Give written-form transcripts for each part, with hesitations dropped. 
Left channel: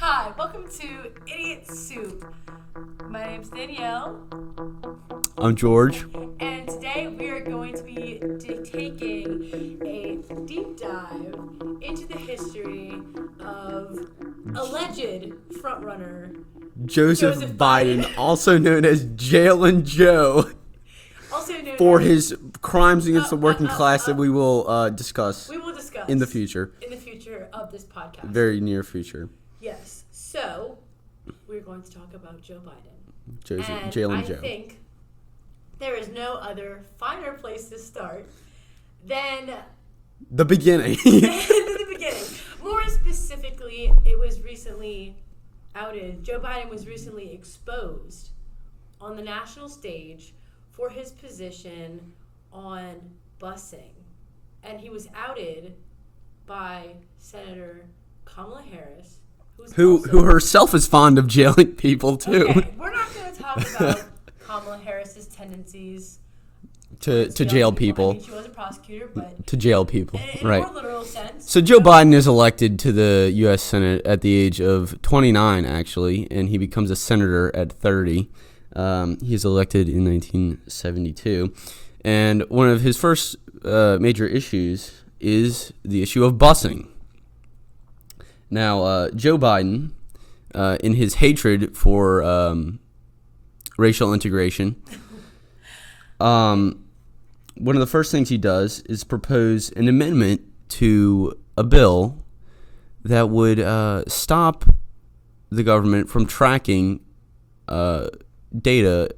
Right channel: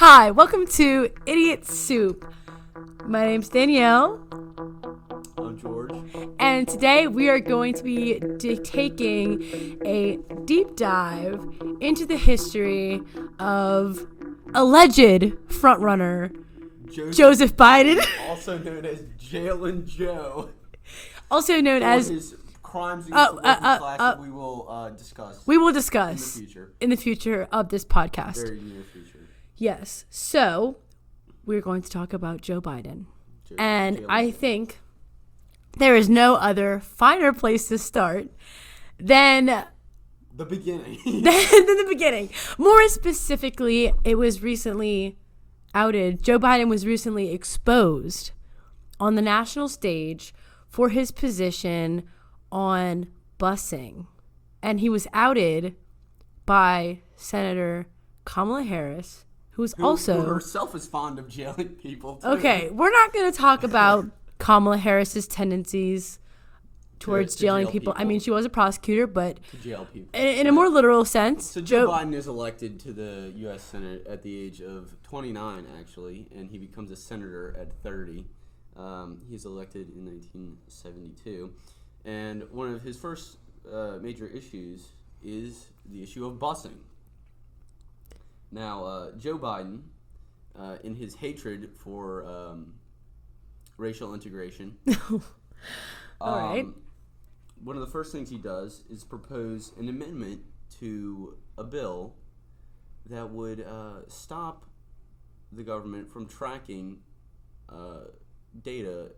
Hi, welcome to Idiot Soup. My name's Danielle. I'm George. And today we are going to be taking a deep dive into the history of alleged frontrunner Joseph Biden. Also known as Jailin Joe. Also known for as... his crimes against the working class that we will discuss. We will discuss. In the future. In the future of this podcast. Very near future. Yes. So, we're going to talk about Joe Biden. I think there is no other finer place to start than the beginning. the beginning. More specifically, it was recently outed. Joe Biden was recently exposed on the national stage for his position on busing. And he was outed by Senator Kamala Harris, who herself is fond of jailing people, too. Okay, we're not going to talk about Kamala Harris's tendencies to jail people. I mean, she was a prosecutor, but... To jail people. In a more literal sense. So Joe Biden is elected to the U.S. Senate at the age of 29, actually, and he becomes a senator at 30. He's elected in 1972. And one of his first major issues is the issue of busing. Now, Joe Biden, in his hatred for racial integration, one of the first things he does is propose an amendment to a bill that would stop the government from tracking data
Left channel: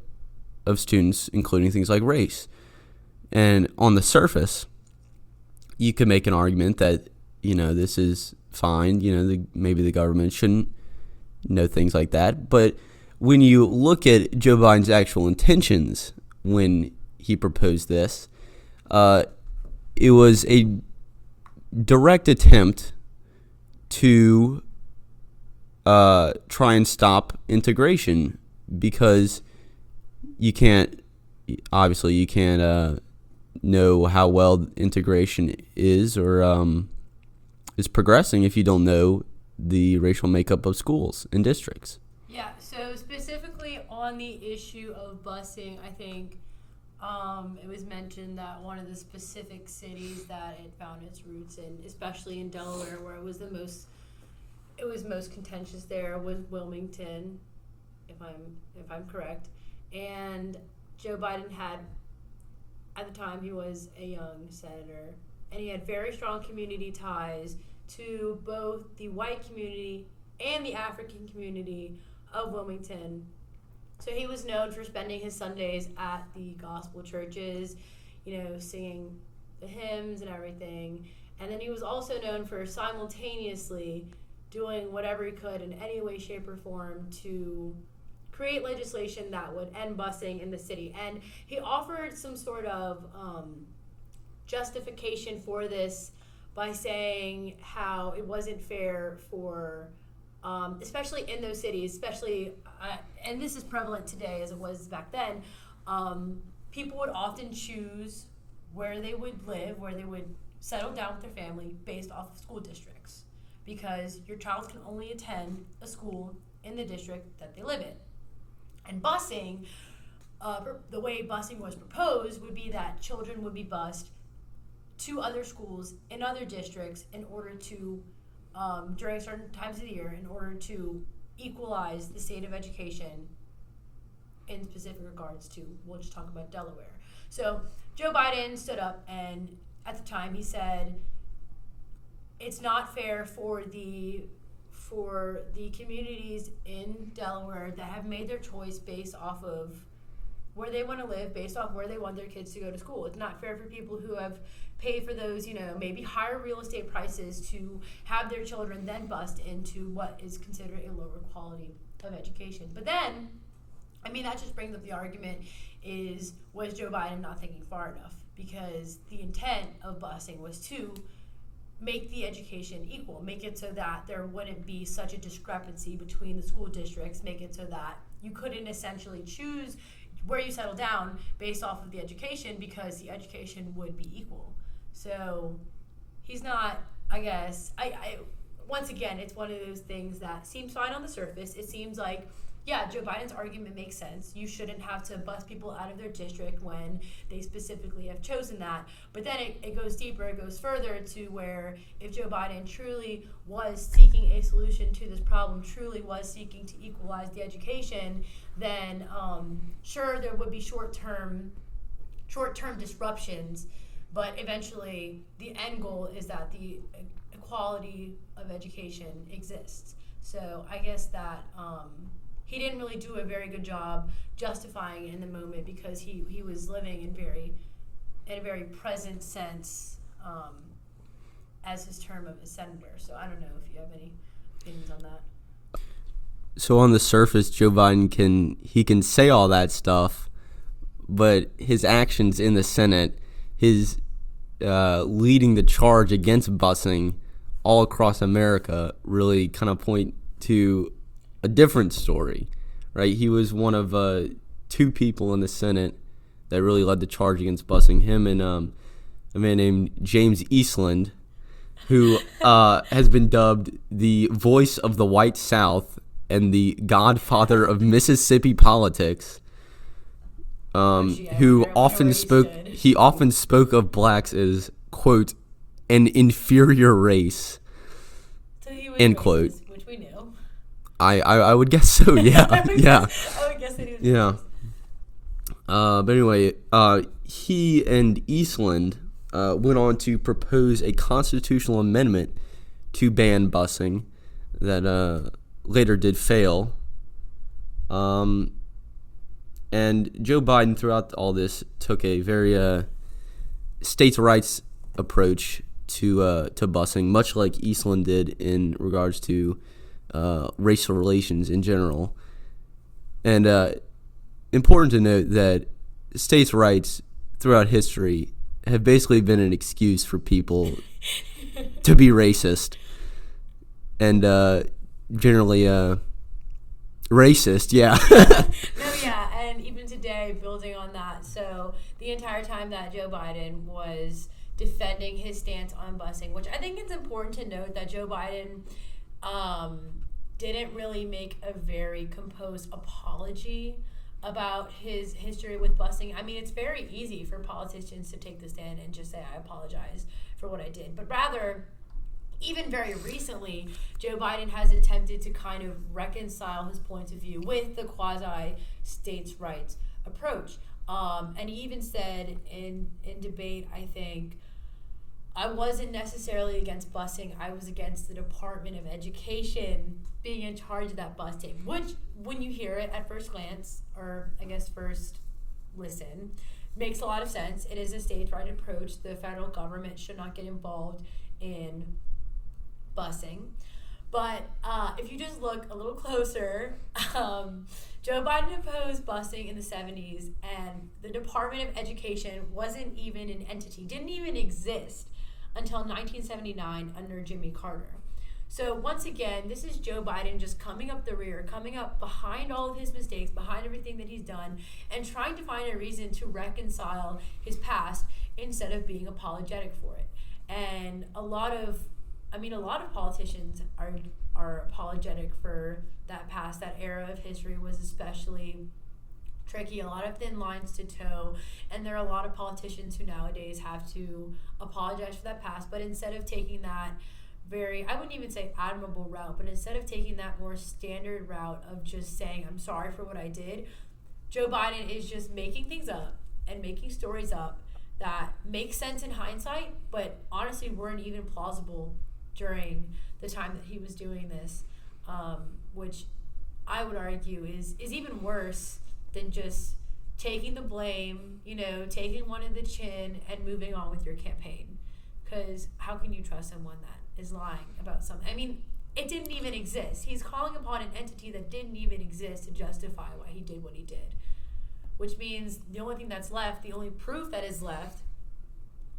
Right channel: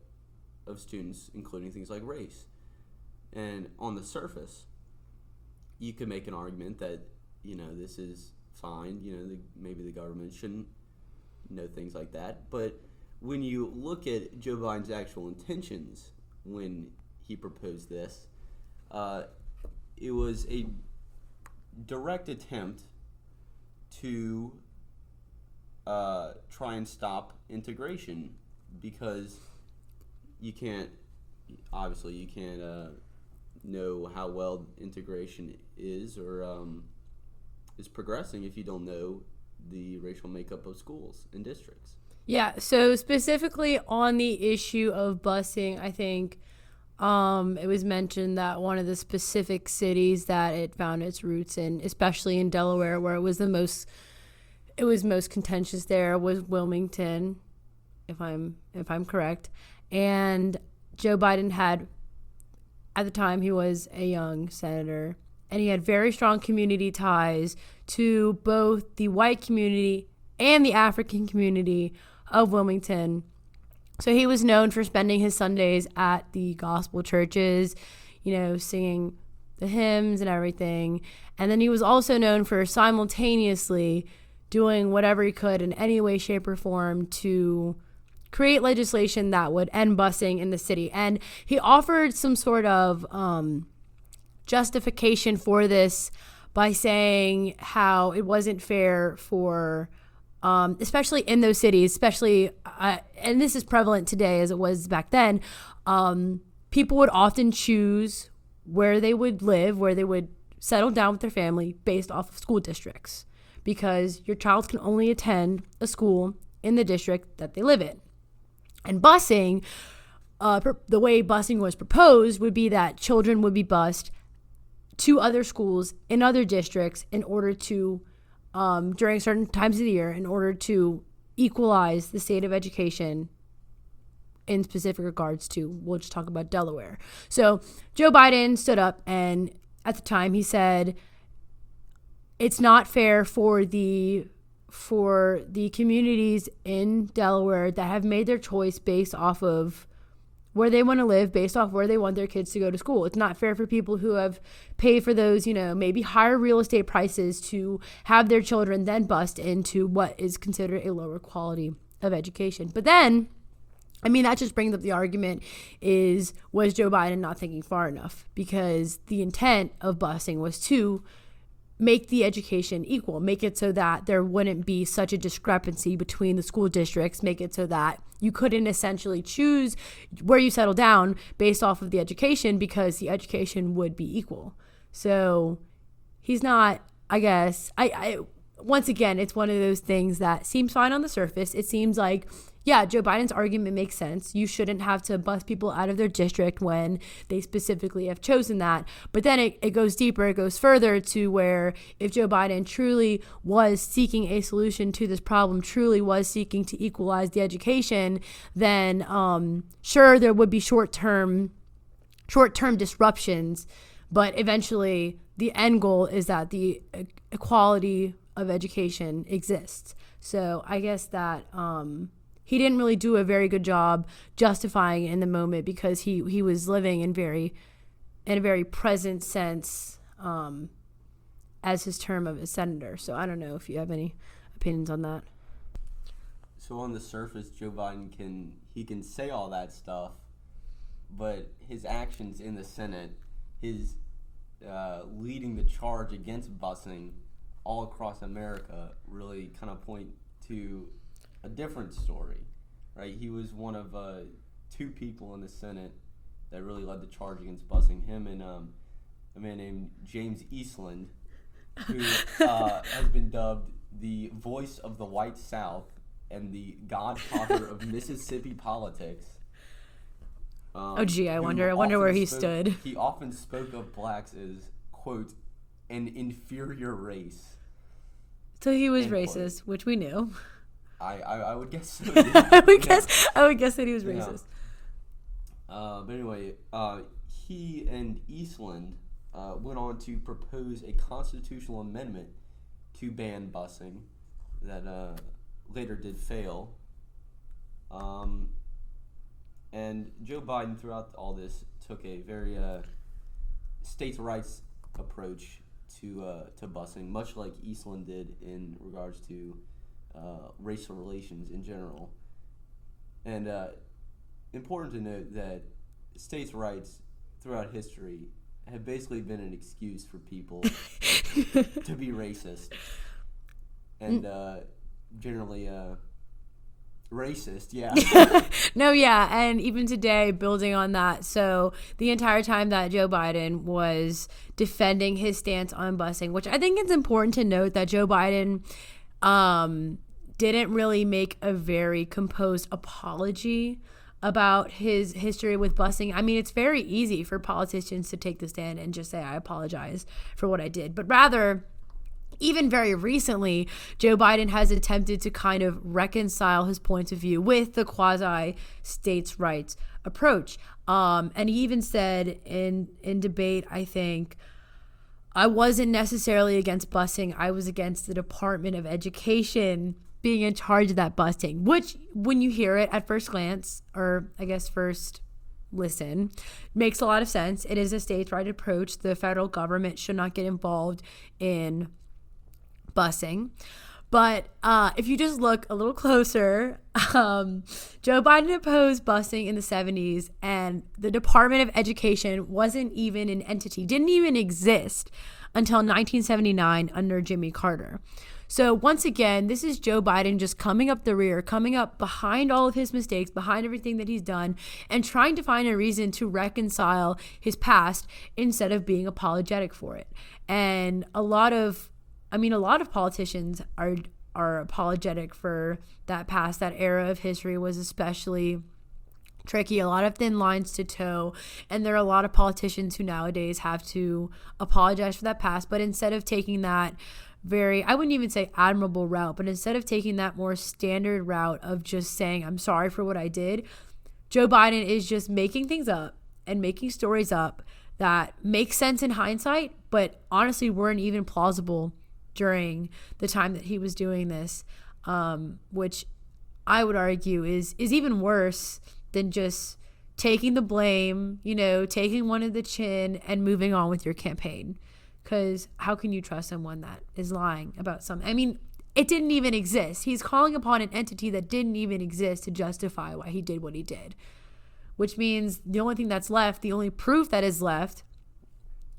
of students, including things like race. And on the surface, you could make an argument that, this is fine. Maybe the government shouldn't know things like that. But when you look at Joe Biden's actual intentions when he proposed this, it was a direct attempt to try and stop integration, because you can't know how well integration is or is progressing if you don't know the racial makeup of schools and districts. Yeah, so specifically on the issue of busing, I think it was mentioned that one of the specific cities that it found its roots in, especially in Delaware, where it was most contentious there, was Wilmington, if I'm correct. And Joe Biden had, at the time, he was a young senator, and he had very strong community ties to both the white community and the African community of Wilmington. So he was known for spending his Sundays at the gospel churches, singing the hymns and everything. And then he was also known for simultaneously doing whatever he could in any way, shape, or form to create legislation that would end busing in the city. And he offered some sort of justification for this by saying how it wasn't fair for, especially in those cities, and this is prevalent today as it was back then, people would often choose where they would live, where they would settle down with their family based off of school districts, because your child can only attend a school in the district that they live in. And busing, the way busing was proposed would be that children would be bused to other schools in other districts in order to, during certain times of the year, in order to equalize the state of education in specific regards to, we'll just talk about Delaware. So Joe Biden stood up, and at the time he said, it's not fair for the communities in Delaware that have made their choice based off of where they want to live, based off where they want their kids to go to school. It's not fair for people who have paid for those, maybe higher real estate prices to have their children then bust into what is considered a lower quality of education. But then, that just brings up the argument was Joe Biden not thinking far enough? Because the intent of busing was to make the education equal, make it so that there wouldn't be such a discrepancy between the school districts, make it so that you couldn't essentially choose where you settle down based off of the education, because the education would be equal. So he's not, I guess, once again, it's one of those things that seems fine on the surface. It seems like, yeah, Joe Biden's argument makes sense. You shouldn't have to bus people out of their district when they specifically have chosen that. But then it goes deeper, it goes further to where if Joe Biden truly was seeking a solution to this problem, truly was seeking to equalize the education, then sure, there would be short-term disruptions, but eventually the end goal is that the equality of education exists. So I guess that he didn't really do a very good job justifying it in the moment, because he was living in a very present sense as his term of a senator. So I don't know if you have any opinions on that. So on the surface, Joe Biden can say all that stuff, but his actions in the Senate, his leading the charge against busing all across America, really kind of point to a different story, right? He was one of two people in the Senate that really led the charge against busing. Him and a man named James Eastland, who has been dubbed the voice of the white South and the godfather of Mississippi politics. Who often spoke of blacks as, quote, an inferior race. So he was racist, quote. Which we knew. I would guess so, yeah. I would guess that he was racist. But anyway, he and Eastland went on to propose a constitutional amendment to ban busing that later did fail. And Joe Biden, throughout all this, took a very states' rights approach to busing, much like Eastland did in regards to racial relations in general. And important to note that states' rights throughout history have basically been an excuse for people to be racist and generally racist, yeah. No, yeah, and even today, building on that, so the entire time that Joe Biden was defending his stance on busing, which I think it's important to note that Joe Biden didn't really make a very composed apology about his history with busing. I mean, it's very easy for politicians to take the stand and just say, I apologize for what I did. But rather, even very recently, Joe Biden has attempted to kind of reconcile his points of view with the quasi-states' rights approach. And he even said in debate, I think, I wasn't necessarily against busing. I was against the Department of Education being in charge of that busing, which when you hear it at first glance, or I guess first listen, makes a lot of sense. It is a states' right approach. The federal government should not get involved in busing. But if you just look a little closer, Joe Biden opposed busing in the 70s, and the Department of Education wasn't even an entity, didn't even exist until 1979 under Jimmy Carter. So once again, this is Joe Biden just coming up the rear, coming up behind all of his mistakes, behind everything that he's done, and trying to find a reason to reconcile his past instead of being apologetic for it. And a lot of politicians are apologetic for that past. That era of history was especially tricky, a lot of thin lines to toe, and there are a lot of politicians who nowadays have to apologize for that past. But instead of taking that I wouldn't even say admirable route, but instead of taking that more standard route of just saying, I'm sorry for what I did, Joe Biden is just making things up and making stories up that make sense in hindsight, but honestly weren't even plausible during the time that he was doing this, which I would argue is even worse than just taking the blame, taking one in the chin and moving on with your campaign. Because how can you trust someone that is lying about something? I mean, it didn't even exist. He's calling upon an entity that didn't even exist to justify why he did what he did, which means the only thing that's left, the only proof that is left,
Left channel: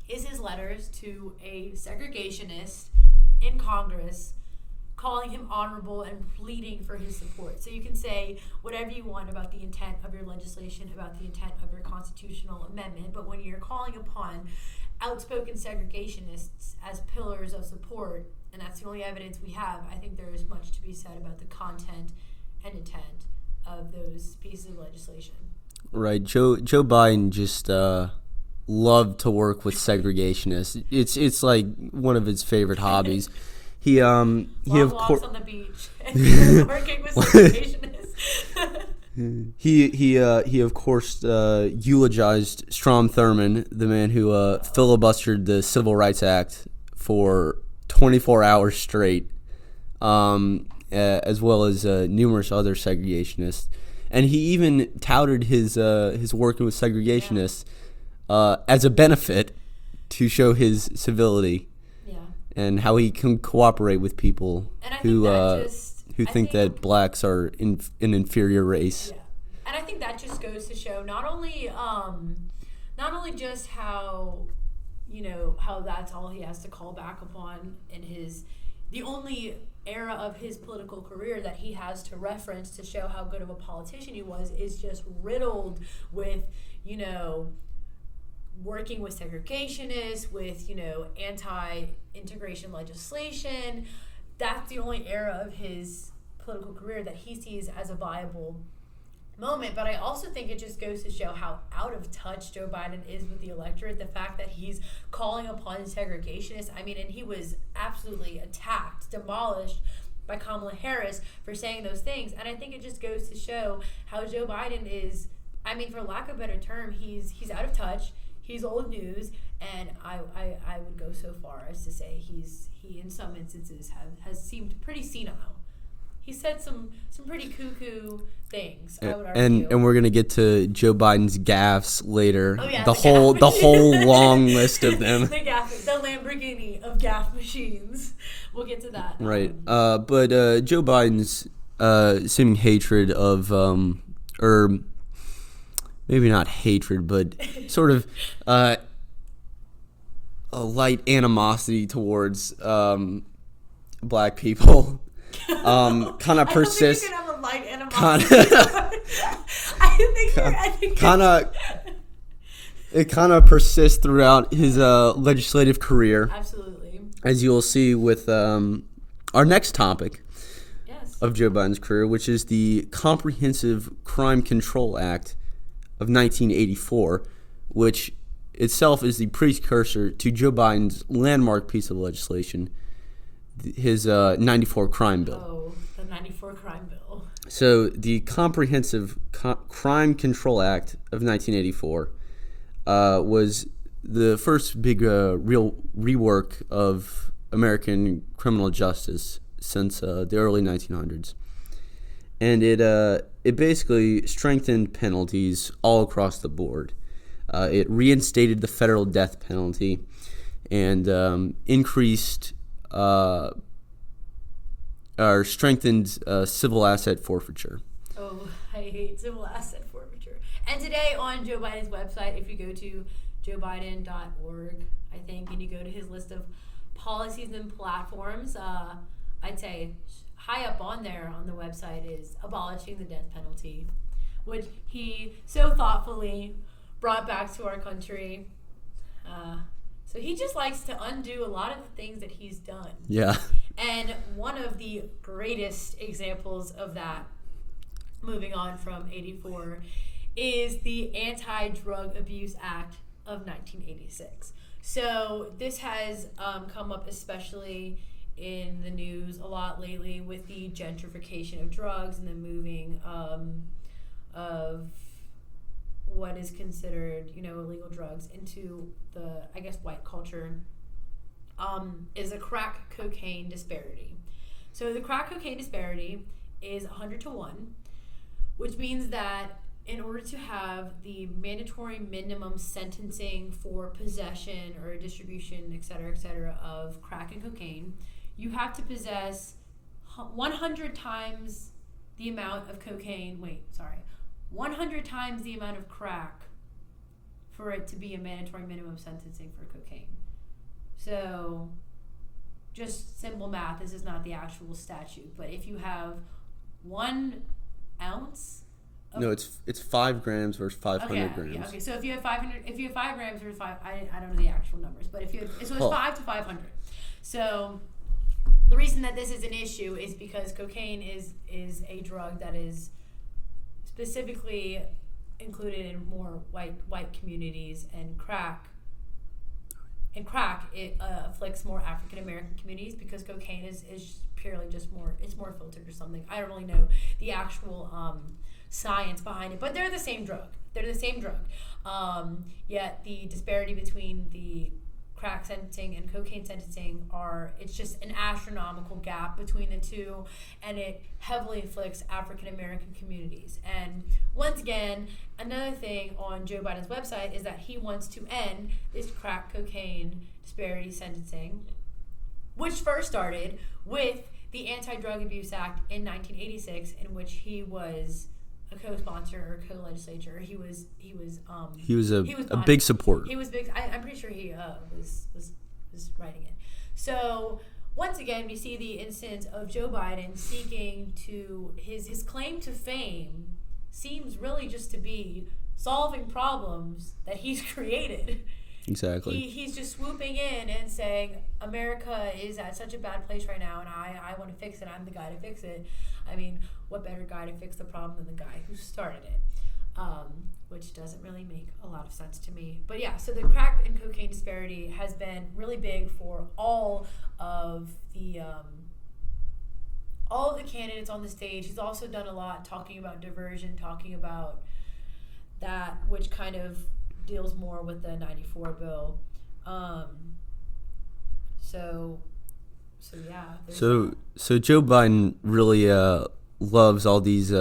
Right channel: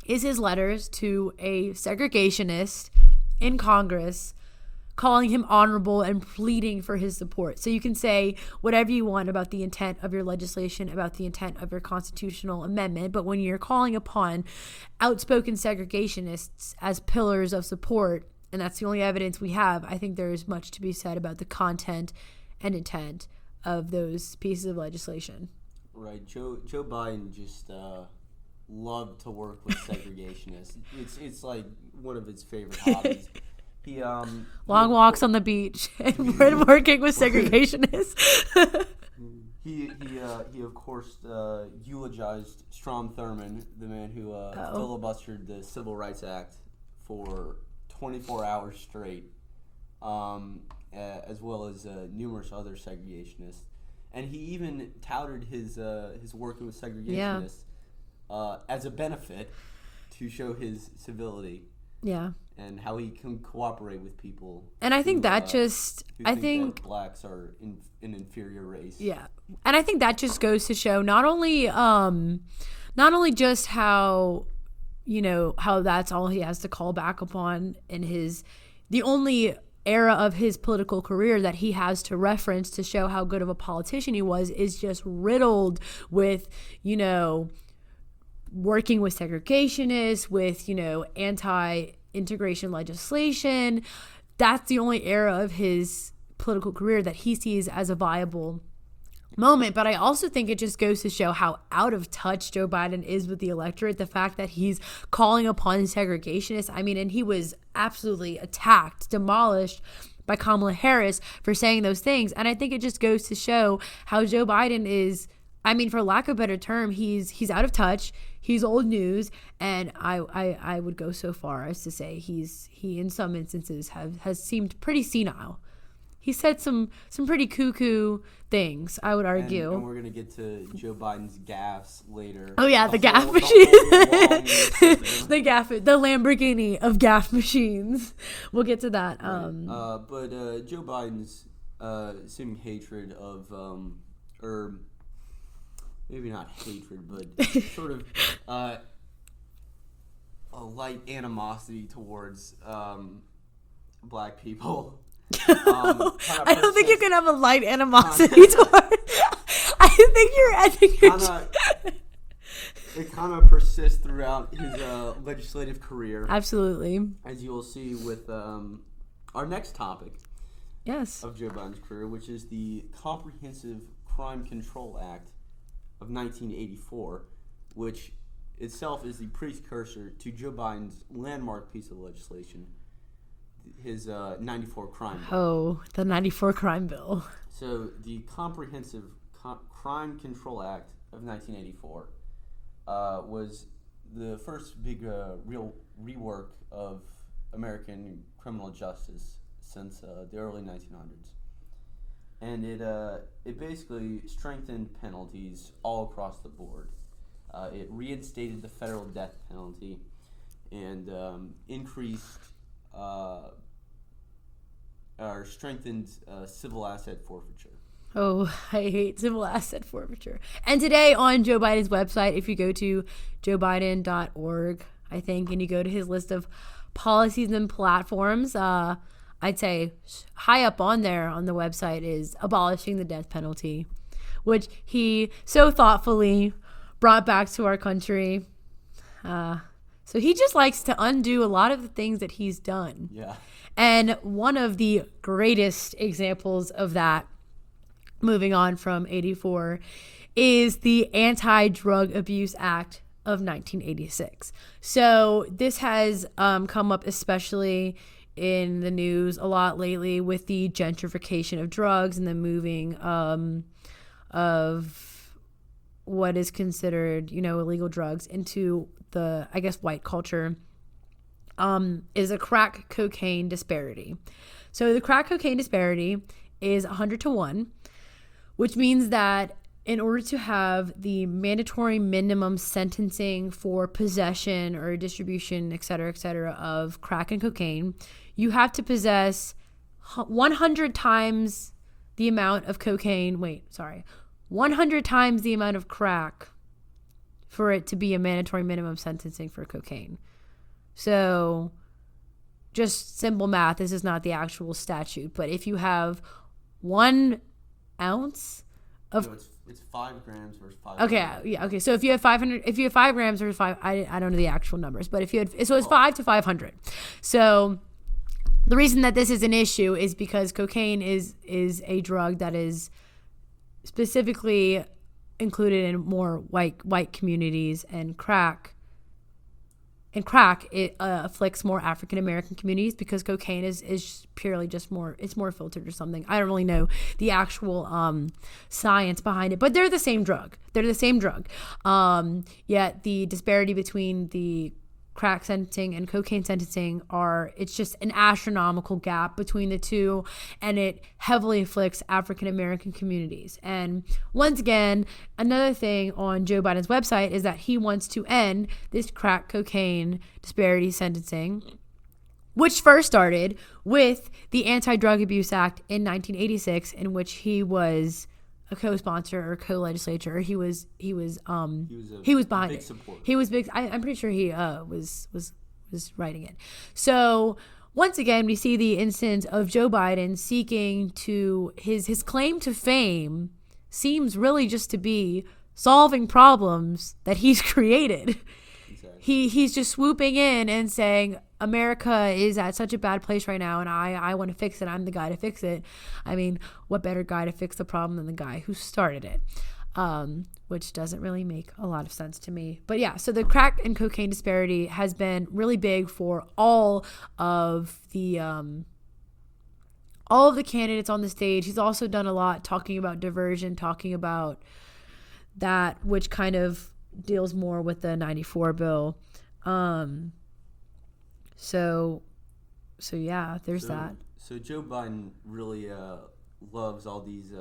is his letters to a segregationist in Congress calling him honorable and pleading for his support. So you can say whatever you want about the intent of your legislation, about the intent of your constitutional amendment, but when you're calling upon outspoken segregationists as pillars of support and that's the only evidence we have, I think there is much to be said about the content and intent of those pieces of legislation. Right. Joe Biden just loved to work with segregationists. It's like one of his favorite hobbies. He long walks on the beach and working with segregationists. He of course eulogized Strom Thurmond, the man who filibustered the Civil Rights Act for 24 hours straight, as well as numerous other segregationists, and he even touted his working with segregationists as a benefit to show his civility. Yeah. And how he can cooperate with people, and I think think that blacks are an inferior race. Yeah, and I think that just goes to show not only just how, how that's all he has to call back upon in the only era of his political career that he has to reference to show how good of a politician he was is just riddled with, working with segregationists, with, anti-integration legislation. That's the only era of his political career that he sees as a viable moment. But I also think it just goes to show how out of touch Joe Biden is with the electorate. The fact that he's calling upon segregationists. I mean, and he was absolutely attacked, demolished by Kamala Harris for saying those things. And I think it just goes to show how Joe Biden is, I mean, for lack of a better term, he's out of touch. He's old news, and I would go so far as to say he in some instances has seemed pretty senile. He said some pretty cuckoo things, I would argue. And we're gonna get to Joe Biden's gaffes later. Oh yeah, the whole long list of them. The Lamborghini of gaff machines. We'll get to that. Right. But Joe Biden's seeming hatred of or maybe not hatred, but sort of a light animosity towards black people. Kind of persists. I don't think you can have a light animosity. It kind of persists throughout his legislative career. Absolutely. As you'll see with our next topic. Yes. Of Joe Biden's career, which is the Comprehensive Crime Control Act of 1984, which itself is the precursor to Joe Biden's landmark piece of legislation, his 94 crime bill. Oh, the 94 crime bill. So the Comprehensive Crime Control Act of 1984 was the first big real rework of American criminal justice since the early 1900s. And it basically strengthened penalties all across the board. It reinstated the federal death penalty and increased or strengthened civil asset forfeiture. Oh, I hate civil asset forfeiture. And today on Joe Biden's website, if you go to joebiden.org, I think, and you go to his list of policies and platforms, I'd say high up on there on the website is abolishing the death penalty, which he so thoughtfully brought back to our country. So he just likes to undo a lot of the things that he's done. Yeah. And one of the greatest examples of that, moving on from 84, is the Anti-Drug Abuse Act of 1986. So this has come up especially in the news a lot lately with the gentrification of drugs and the moving of what is considered, illegal drugs into the, I guess, white culture, is a crack cocaine disparity. So the crack cocaine disparity is 100-1, which means that in order to have the mandatory minimum sentencing for possession or distribution, et cetera, of crack and cocaine, you have to possess 100 times the amount of cocaine. 100 times the amount of crack for it to be a mandatory minimum sentencing for cocaine. So just simple math. This is not the actual statute, but if you have 1 ounce of... No, it's 5 grams versus 500 grams. Yeah, okay. So if you have 5 grams versus 5, I don't know the actual numbers, but if you had, so it's 5 to 500. So the reason that this is an issue is because cocaine is a drug that is specifically included in more white communities, and crack it afflicts more African American communities because cocaine is purely just more, it's more filtered or something. I don't really know the actual science behind it, but they're the same drug. Yet the disparity between the crack sentencing and cocaine sentencing it's just an astronomical gap between the two, and it heavily afflicts African American communities. And once again, another thing on Joe Biden's website is that he wants to end this crack cocaine disparity sentencing, which first started with the Anti-Drug Abuse Act in 1986, in which he was a co-sponsor or co-legislator. He was a big supporter. He was big. I'm pretty sure he was writing it. So once again, we see the instance of Joe Biden seeking to his claim to fame seems really just to be solving problems that he's created. Exactly. He's just swooping in and saying America is at such a bad place right now, and I want to fix it. I'm the guy to fix it. I mean, what better guy to fix the problem than the guy who started it? Which doesn't really make a lot of sense to me. But yeah, so the crack and cocaine disparity has been really big for all of the candidates on the stage. He's also done a lot talking about diversion, talking about that, which kind of deals more with the 94 bill. So yeah, there's that. So Joe Biden really loves all these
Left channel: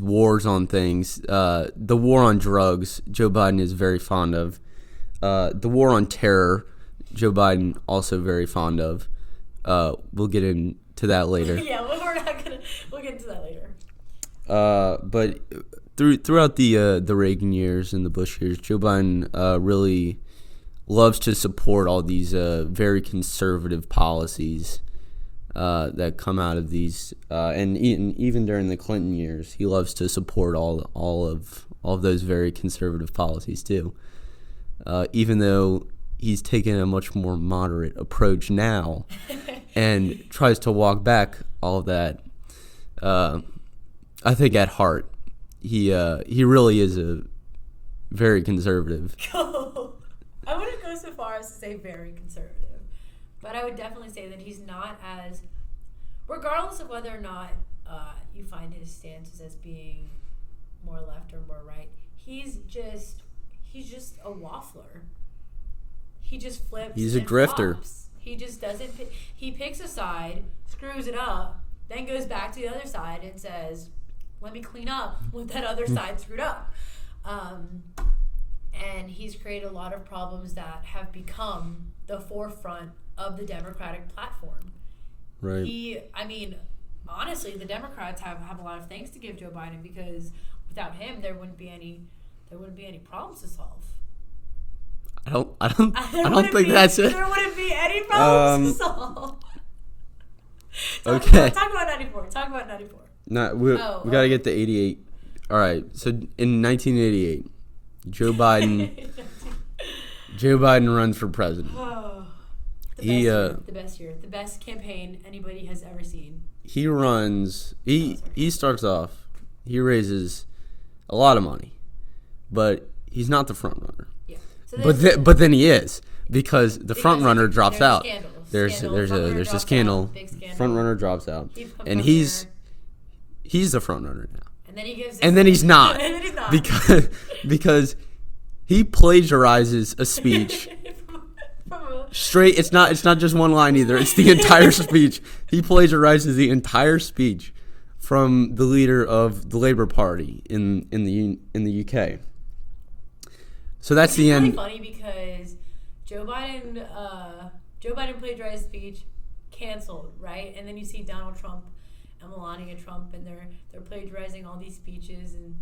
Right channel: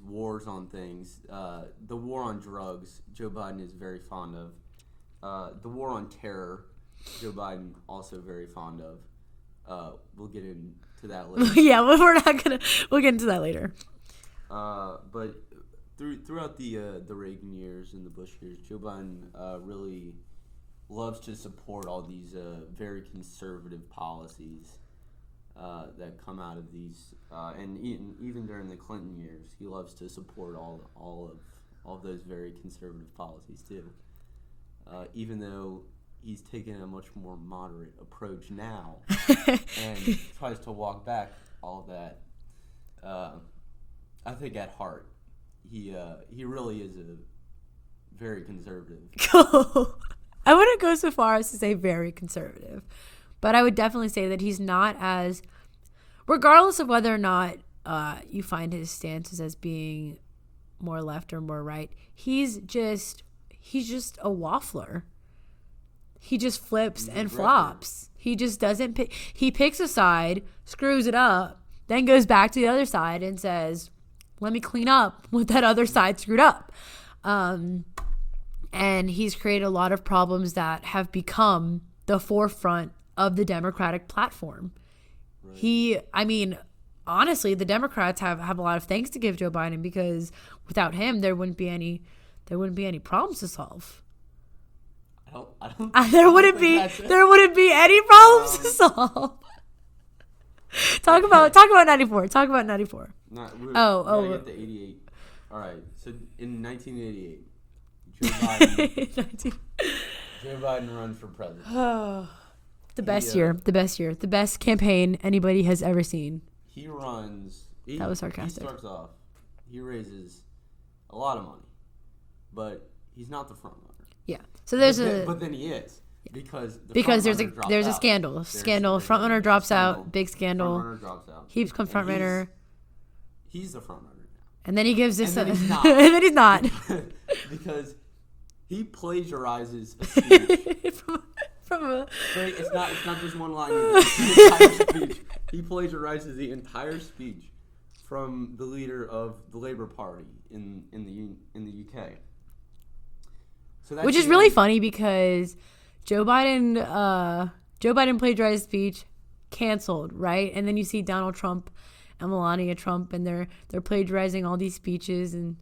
wars on things. The war on drugs, Joe Biden is very fond of. The war on terror, Joe Biden also very fond of. We'll get into that later. Yeah, we'll get into that later. But throughout the Reagan years and the Bush years, Joe Biden really loves to support all these very conservative policies that come out of these, and even during the Clinton years, he loves to support all of those very conservative policies too. Even though he's taken a much more moderate approach now and tries to walk back all of that, I think at heart he really is a very conservative. I wouldn't go so far as to say very conservative, but I would definitely say that he's not as, regardless of whether or not you find his stances as being more left or more right, he's just a waffler. He just flips and flops. He just doesn't pick. He picks a side, screws it up, then goes back to the other side and says, let me clean up what that other side screwed up. And he's created a lot of problems that have become the forefront of the Democratic platform. Right. Honestly, the Democrats have a lot of thanks to give Joe Biden, because without him, there wouldn't be any problems to solve. There wouldn't be any problems to solve. Talk about 94. Talk about 94. We gotta get to 88. All right. So in 1988, Joe Biden runs for president. The best year, the best campaign anybody has ever seen. He runs. He starts off. He raises a lot of money, but he's not the front runner. Yeah. So but then he is. Because the front runner drops out. There's a scandal. Front runner drops out. Big scandal. Front runner drops out. He becomes front runner. He's the front runner now. And then he gives this. And then he's not. And then he's not. Because he plagiarizes a speech. Straight. It's not just one line either. It's the entire speech. He plagiarizes the entire speech from the leader of the Labour Party in the UK. So that's which is really funny, because Joe Biden plagiarized speech, canceled, right? And then you see Donald Trump and Melania Trump, and they're plagiarizing all these speeches, and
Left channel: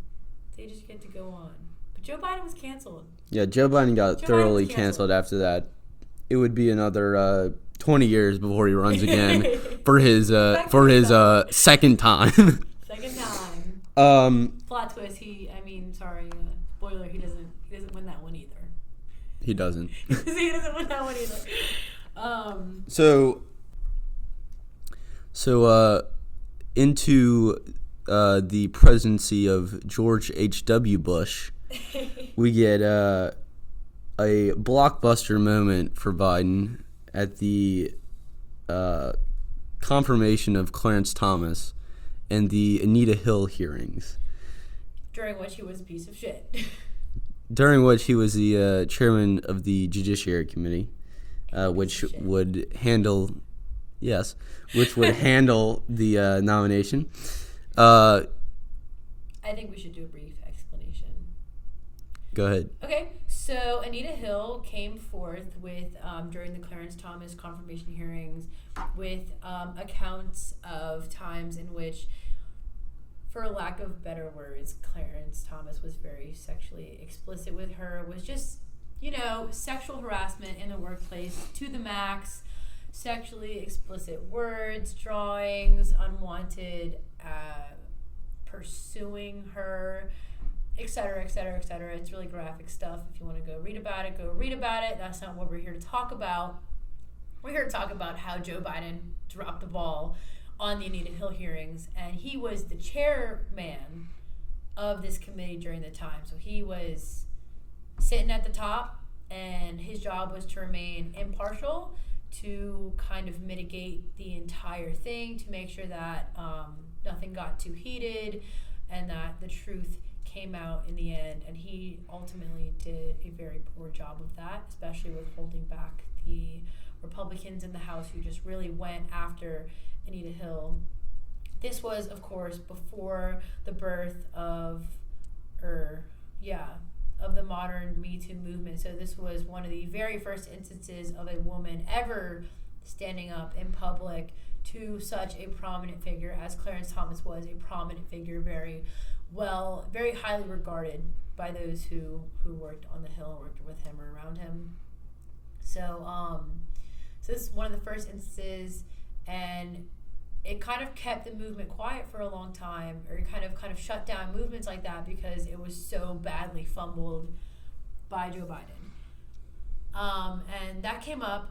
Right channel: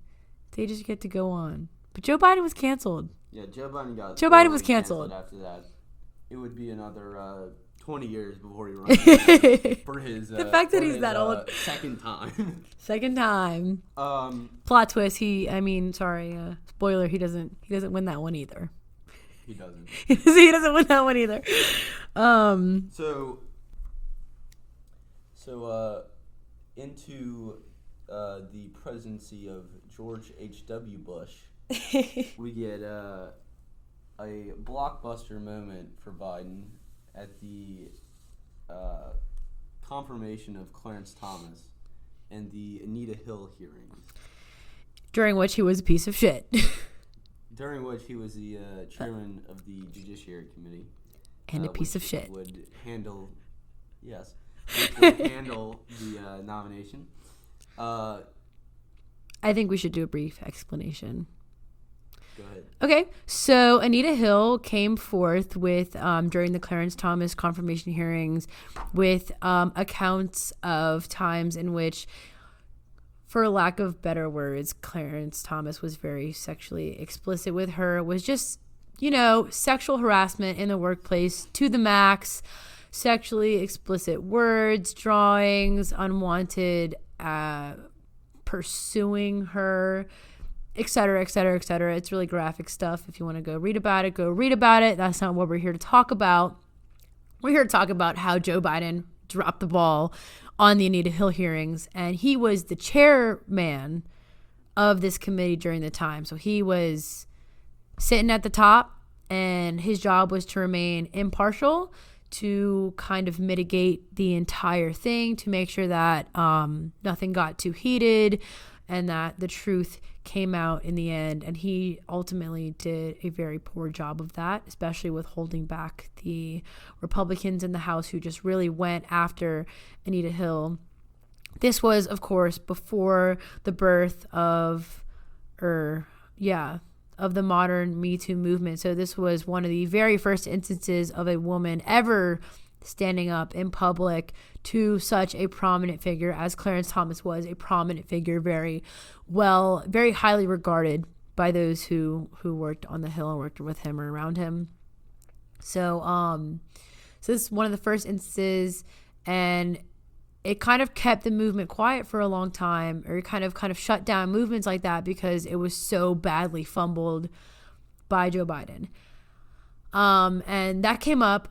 they just get to go on. But Joe Biden was canceled. Yeah, Joe Biden got thoroughly canceled after that. It would be another 20 years before he runs again for his second time. Second time. Plot twist. Spoiler. He doesn't win that one either. He doesn't. He doesn't win that one either. So So, into the presidency of George H.W. Bush, we get a blockbuster moment for Biden at the confirmation of Clarence Thomas and the Anita Hill hearings. During which he was a piece of shit. During which he was the chairman of the Judiciary Committee, which would handle the nomination. I think we should do a brief explanation. Go ahead. Okay, so Anita Hill came forth with, during the Clarence Thomas confirmation hearings, with accounts of times in which, for lack of better words, Clarence Thomas was very sexually explicit with her. It was just, sexual harassment in the workplace to the max, sexually explicit words, drawings, unwanted pursuing her, etc., etc., etc. It's really graphic stuff. If you want to go read about it, go read about it. That's not what we're here to talk about. We're here to talk about how Joe Biden dropped the ball on the Anita Hill hearings, and he was the chairman of this committee during the time. So he was sitting at the top, and his job was to remain impartial, to kind of mitigate the entire thing, to make sure that nothing got too heated and that the truth came out in the end. And he ultimately did a very poor job of that, especially with holding back the Republicans in the House who just really went after Anita Hill. This was, of course, before the birth of the modern Me Too movement. So this was one of the very first instances of a woman ever standing up in public to such a prominent figure as Clarence Thomas was, a prominent figure, very highly regarded by those who worked on the Hill and worked with him or around him. So this is one of the first instances, and it kind of kept the movement quiet for a long time, or kind of shut down movements like that because it was so badly fumbled by Joe Biden. And that came up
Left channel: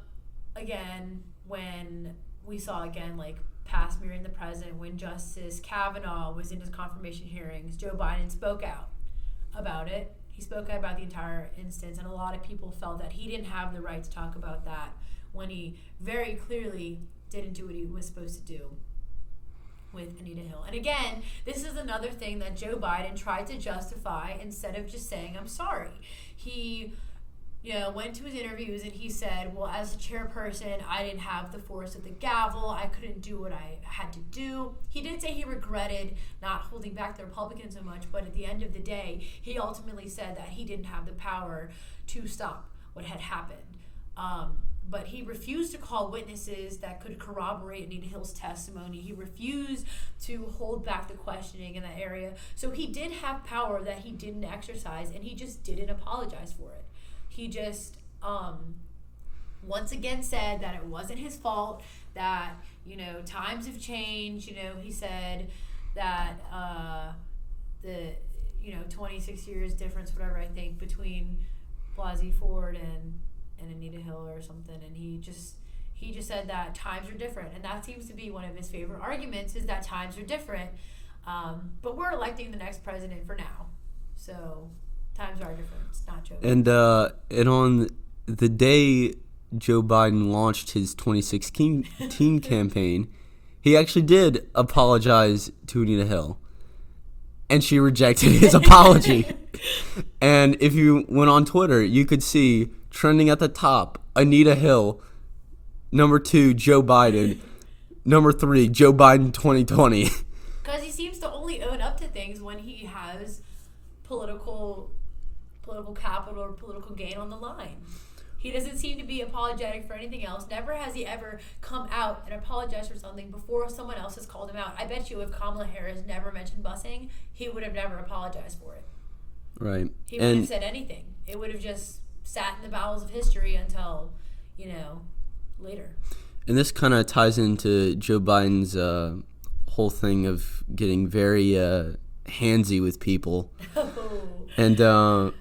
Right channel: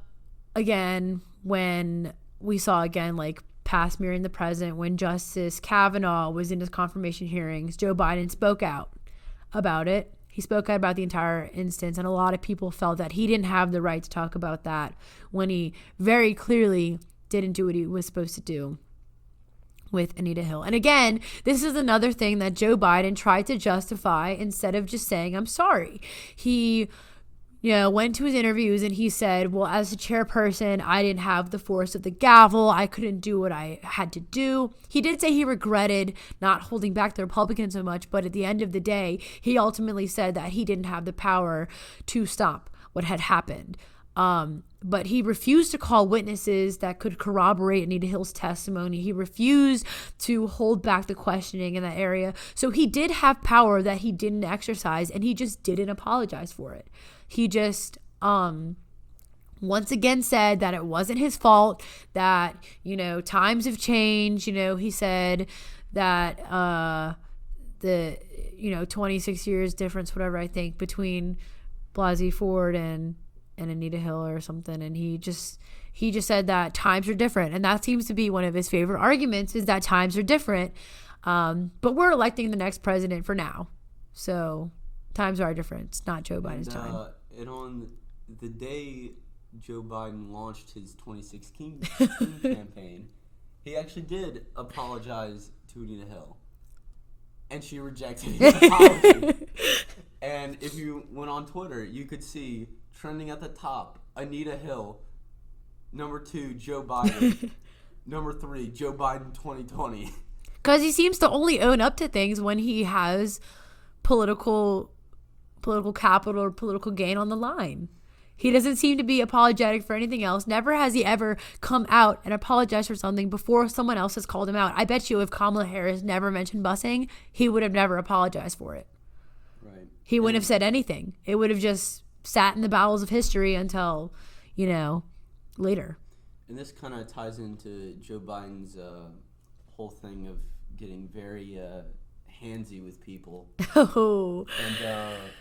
again when we saw like past mirroring the present, when Justice Kavanaugh was in his confirmation hearings. Joe Biden spoke out about it. He spoke out about the entire instance, and a lot of people felt that he didn't have the right to talk about that when he very clearly didn't do what he was supposed to do with Anita Hill. And again, this is another thing that Joe Biden tried to justify instead of just saying, I'm sorry. He went to his interviews and he said, well, as a chairperson, I didn't have the force of the gavel. I couldn't do what I had to do. He did say he regretted not holding back the Republicans so much, but at the end of the day, he ultimately said that he didn't have the power to stop what had happened. But he refused to call witnesses that could corroborate Anita Hill's testimony. He refused to hold back the questioning in that area. So he did have power that he didn't exercise, and he just didn't apologize for it. He just once again said that it wasn't his fault, that times have changed. He said that the 26 years difference, whatever, I think, between Blasey Ford and Anita Hill or something, and he just said that times are different, and that seems to be one of his favorite arguments, is that times are different. But we're electing the next president for now, so times are different. It's not Joe Biden. And on the day Joe Biden launched his 2016 campaign, he actually did apologize to Anita Hill, and she rejected his apology. And if you went on Twitter, you could see trending at the top, Anita Hill. Number 2, Joe Biden. Number 3, Joe Biden 2020. Because he seems to only own up to things when he has political capital or political gain on the line. He doesn't seem to be apologetic for anything else. Never has he ever come out and apologized for something before someone else has called him out. I bet you if Kamala Harris never mentioned busing, he would have never apologized for it. Right. He wouldn't have said anything. It would have just sat in the bowels of history until, later. And this kind of ties into Joe Biden's whole thing of getting very handsy with people. Oh. And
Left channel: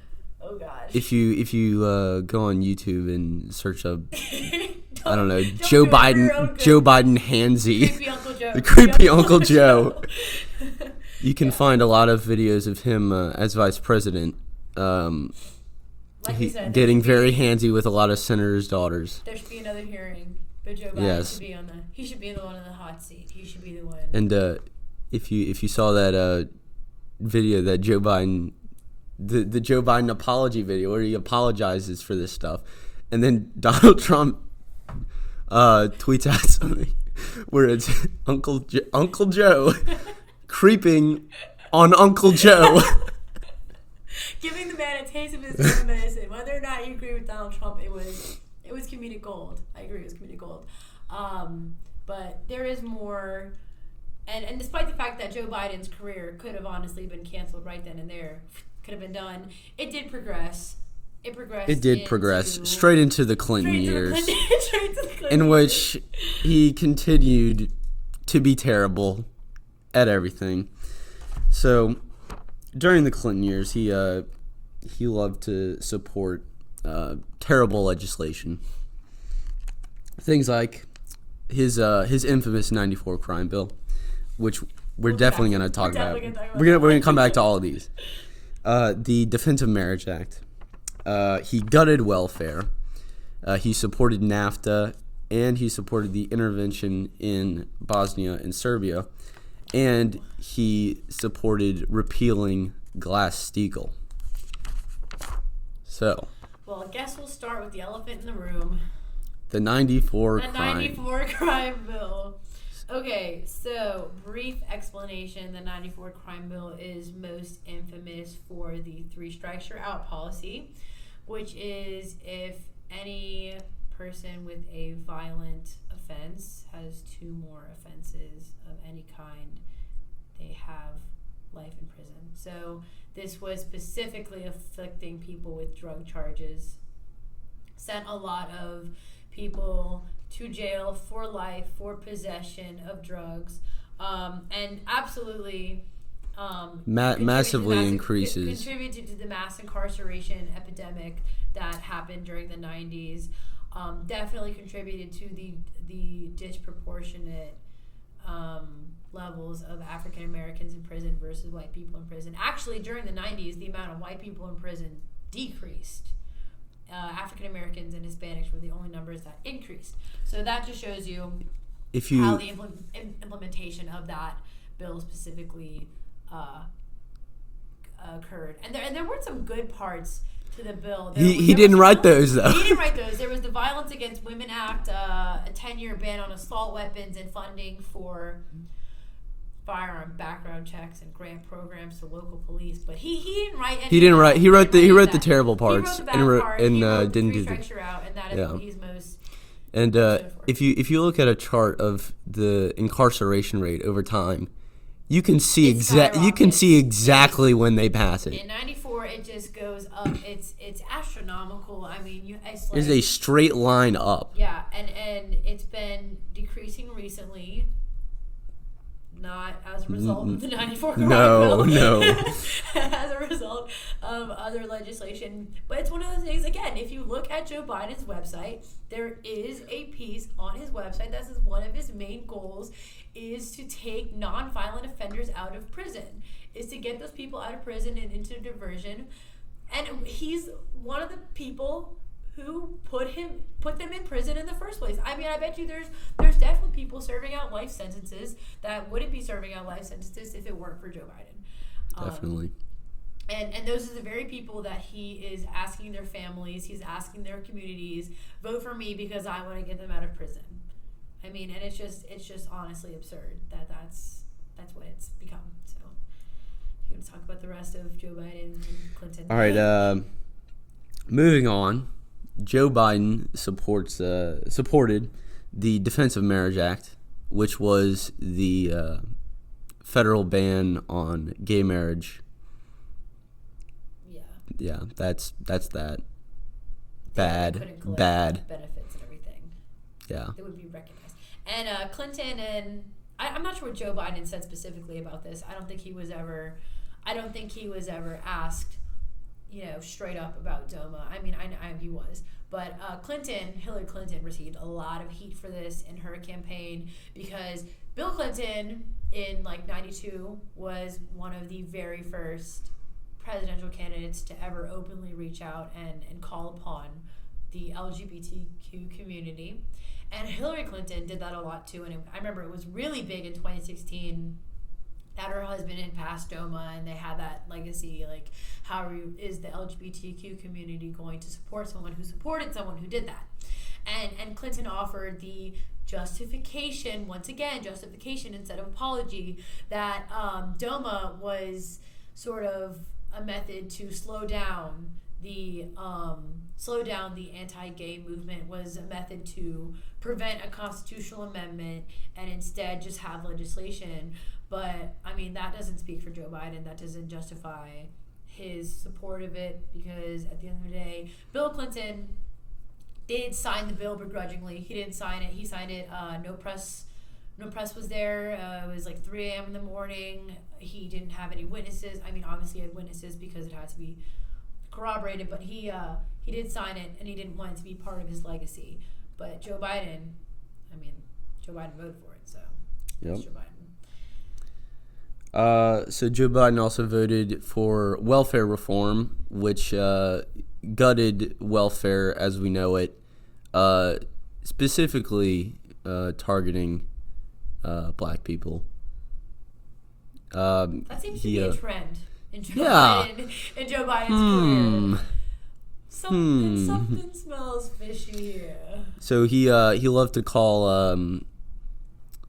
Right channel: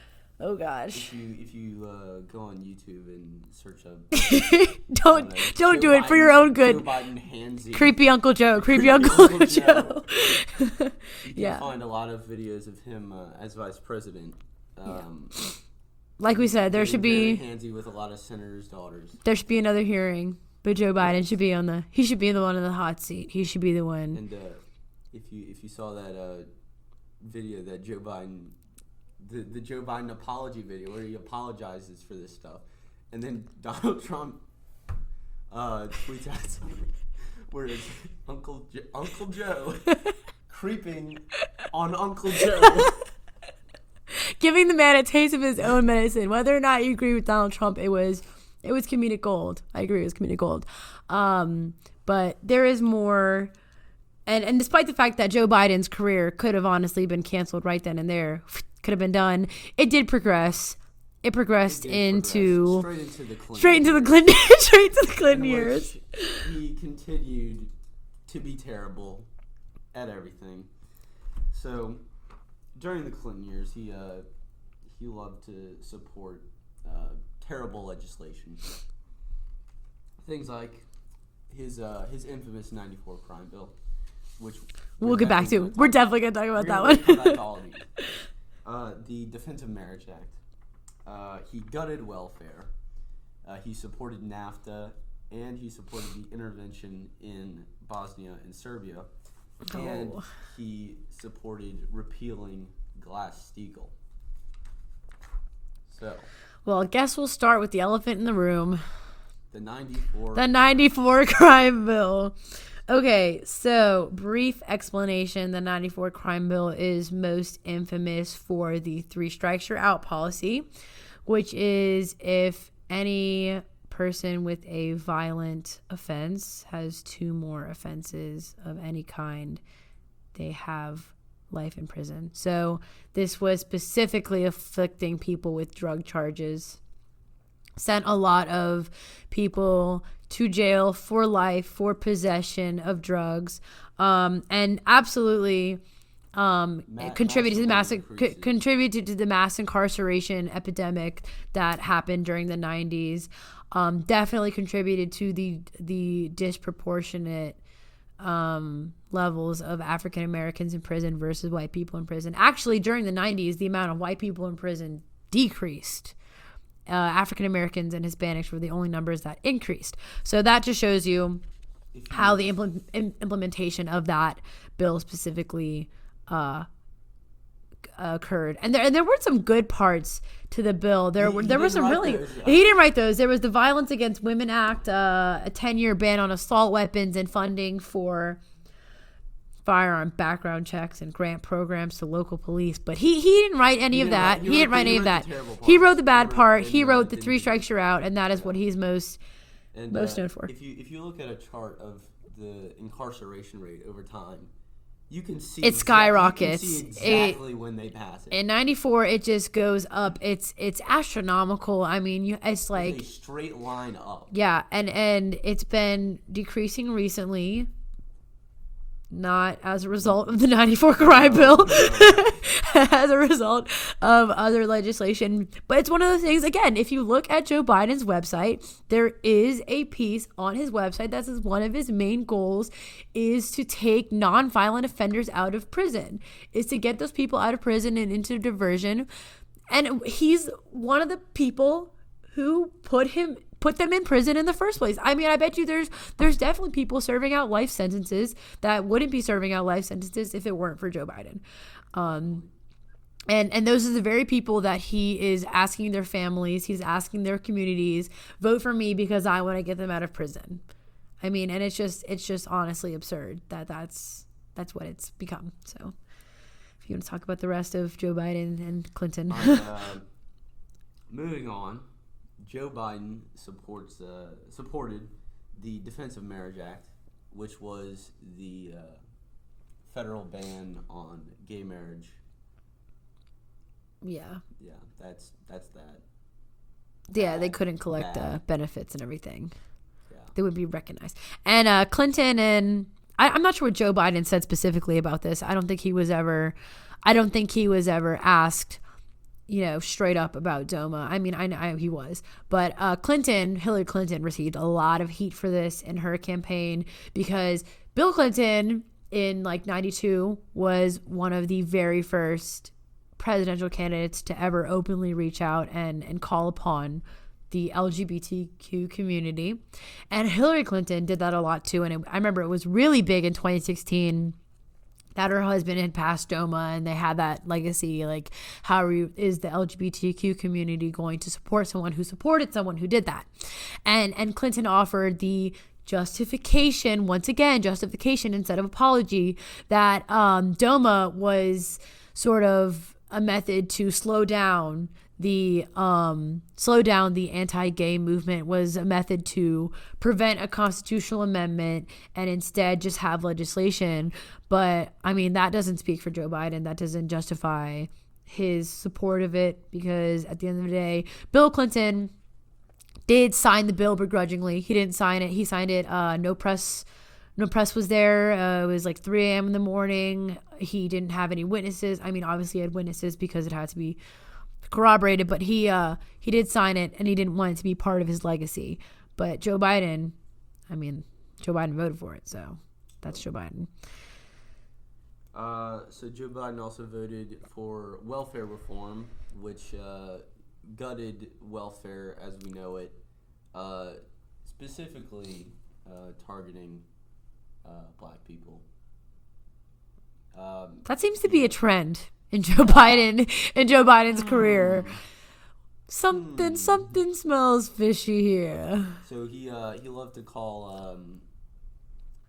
Oh gosh. If you go on YouTube and search up, don't know, Joe do Biden, it for your own good. Joe Biden handsy. Creepy Uncle Joe. Creepy Uncle Joe. You can Yeah. find a lot of videos of him as vice president. Like we said, there getting should be very handsy with a lot of senators' daughters. there should be another hearing, but Joe Biden Yes. should be he should be the one in the hot seat. He should be the one. And if you saw that video that Joe Biden, the Joe Biden apology video where he apologizes for this stuff, and then Donald Trump tweets out something where it's Uncle Joe creeping on Uncle Joe. Giving the man a taste of his own medicine. Whether or not you agree with Donald Trump, it was comedic gold. I agree, it was comedic gold. But there is more, and despite the fact that Joe Biden's career could have honestly been canceled right then and there, could have been done, it did progress. It progressed. Straight into the Clinton years. Straight to the Clinton in years. which he continued to be terrible at everything. So during the Clinton years, he loved to support terrible legislation. Things like his infamous '94 crime bill, which we're definitely going to talk about. We're definitely going to talk about We're that going to come back to all of these. The Defense of Marriage Act. He gutted welfare. He supported NAFTA, and he supported the intervention in Bosnia and Serbia. And he supported repealing Glass-Steagall. So, well, I guess we'll start with the elephant in the room. The 94 The 94 crime bill. Okay, so brief explanation. The 94 crime bill is most infamous for the 3 strikes you're out policy, which is if any person with a violent offense has 2 more offenses of any kind, they have life in prison. So this was specifically afflicting people with drug charges. Sent a lot of people to jail for life for possession of drugs, and absolutely contributed to the mass incarceration epidemic that happened during the 90s. Definitely contributed to the disproportionate levels of African Americans in prison versus white people in prison. Actually, during the 90s, the amount of white people in prison decreased. African Americans and Hispanics were the only numbers that increased. So that just shows you how the implementation of that bill specifically occurred. And there were some good parts to the bill. He didn't write those, though. He didn't write those. There was the Violence Against Women Act, a 10-year ban on assault weapons and funding for firearm background checks and grant programs to local police. But he didn't write any of that. He wrote the terrible parts. He wrote the bad part. He wrote the didn't 3 do strikes you're out, and that is what he's most known for. If you look at a chart of the incarceration rate over time, you can see exactly when they pass it. In 94, it just goes up. It's astronomical. I mean, it's like it's a straight line up. Yeah, and it's been decreasing recently. Not as a result of the 94 crime bill. No. As a result of other legislation. But it's one of those things, again, if you look at Joe Biden's website, there is a piece on his website that says one of his main goals is to take nonviolent offenders out of prison, is to get those people out of prison and into diversion. And he's one of the people who put them in prison in the first place. I mean, I bet you there's definitely people serving out life sentences that wouldn't be serving out life sentences if it weren't for Joe Biden. Definitely. And those are the very people that he is asking their families, he's asking their communities, vote for me because I want to get them out of prison. I mean, and it's just honestly absurd that's what it's become. So if you want to talk about the rest of Joe Biden and Clinton. All right, moving on. Joe Biden supported the Defense of Marriage Act, which was the federal ban on gay marriage. Yeah, that's that. Yeah, they couldn't collect benefits and everything. Yeah, they would be recognized. And Clinton and I'm not sure what Joe Biden said specifically about this. I don't think he was ever asked straight up about DOMA. I mean, I know he was, but Hillary Clinton received a lot of heat for this in her campaign because Bill Clinton in like 92 was one of the very first presidential candidates to ever openly reach out and call upon the LGBTQ community. And Hillary Clinton did that a lot too. And I remember it was really big in 2016 that her husband had passed DOMA, and they had that legacy, like, how is the LGBTQ community going to support someone who supported someone who did that? And Clinton offered the justification instead of apology, that DOMA was sort of a method to slow down the anti-gay movement, was a method to prevent a constitutional amendment and instead just have legislation. But I mean, that doesn't speak for Joe Biden. That doesn't justify his support of it, because at the end of the day, Bill Clinton did sign the bill begrudgingly. He didn't sign it. He signed it. No press was there. It was like 3 a.m. in the morning. He didn't have any witnesses. I mean, obviously he had witnesses because it had to be corroborated, but he did sign it, and he didn't want it to be part of his legacy. But Joe Biden voted for it, so that's Joe Biden. So Joe Biden also voted for welfare reform, which gutted welfare as we know it, specifically targeting black people. That seems to be a trend in Joe Biden's career. Something smells fishy here. So he loved to call,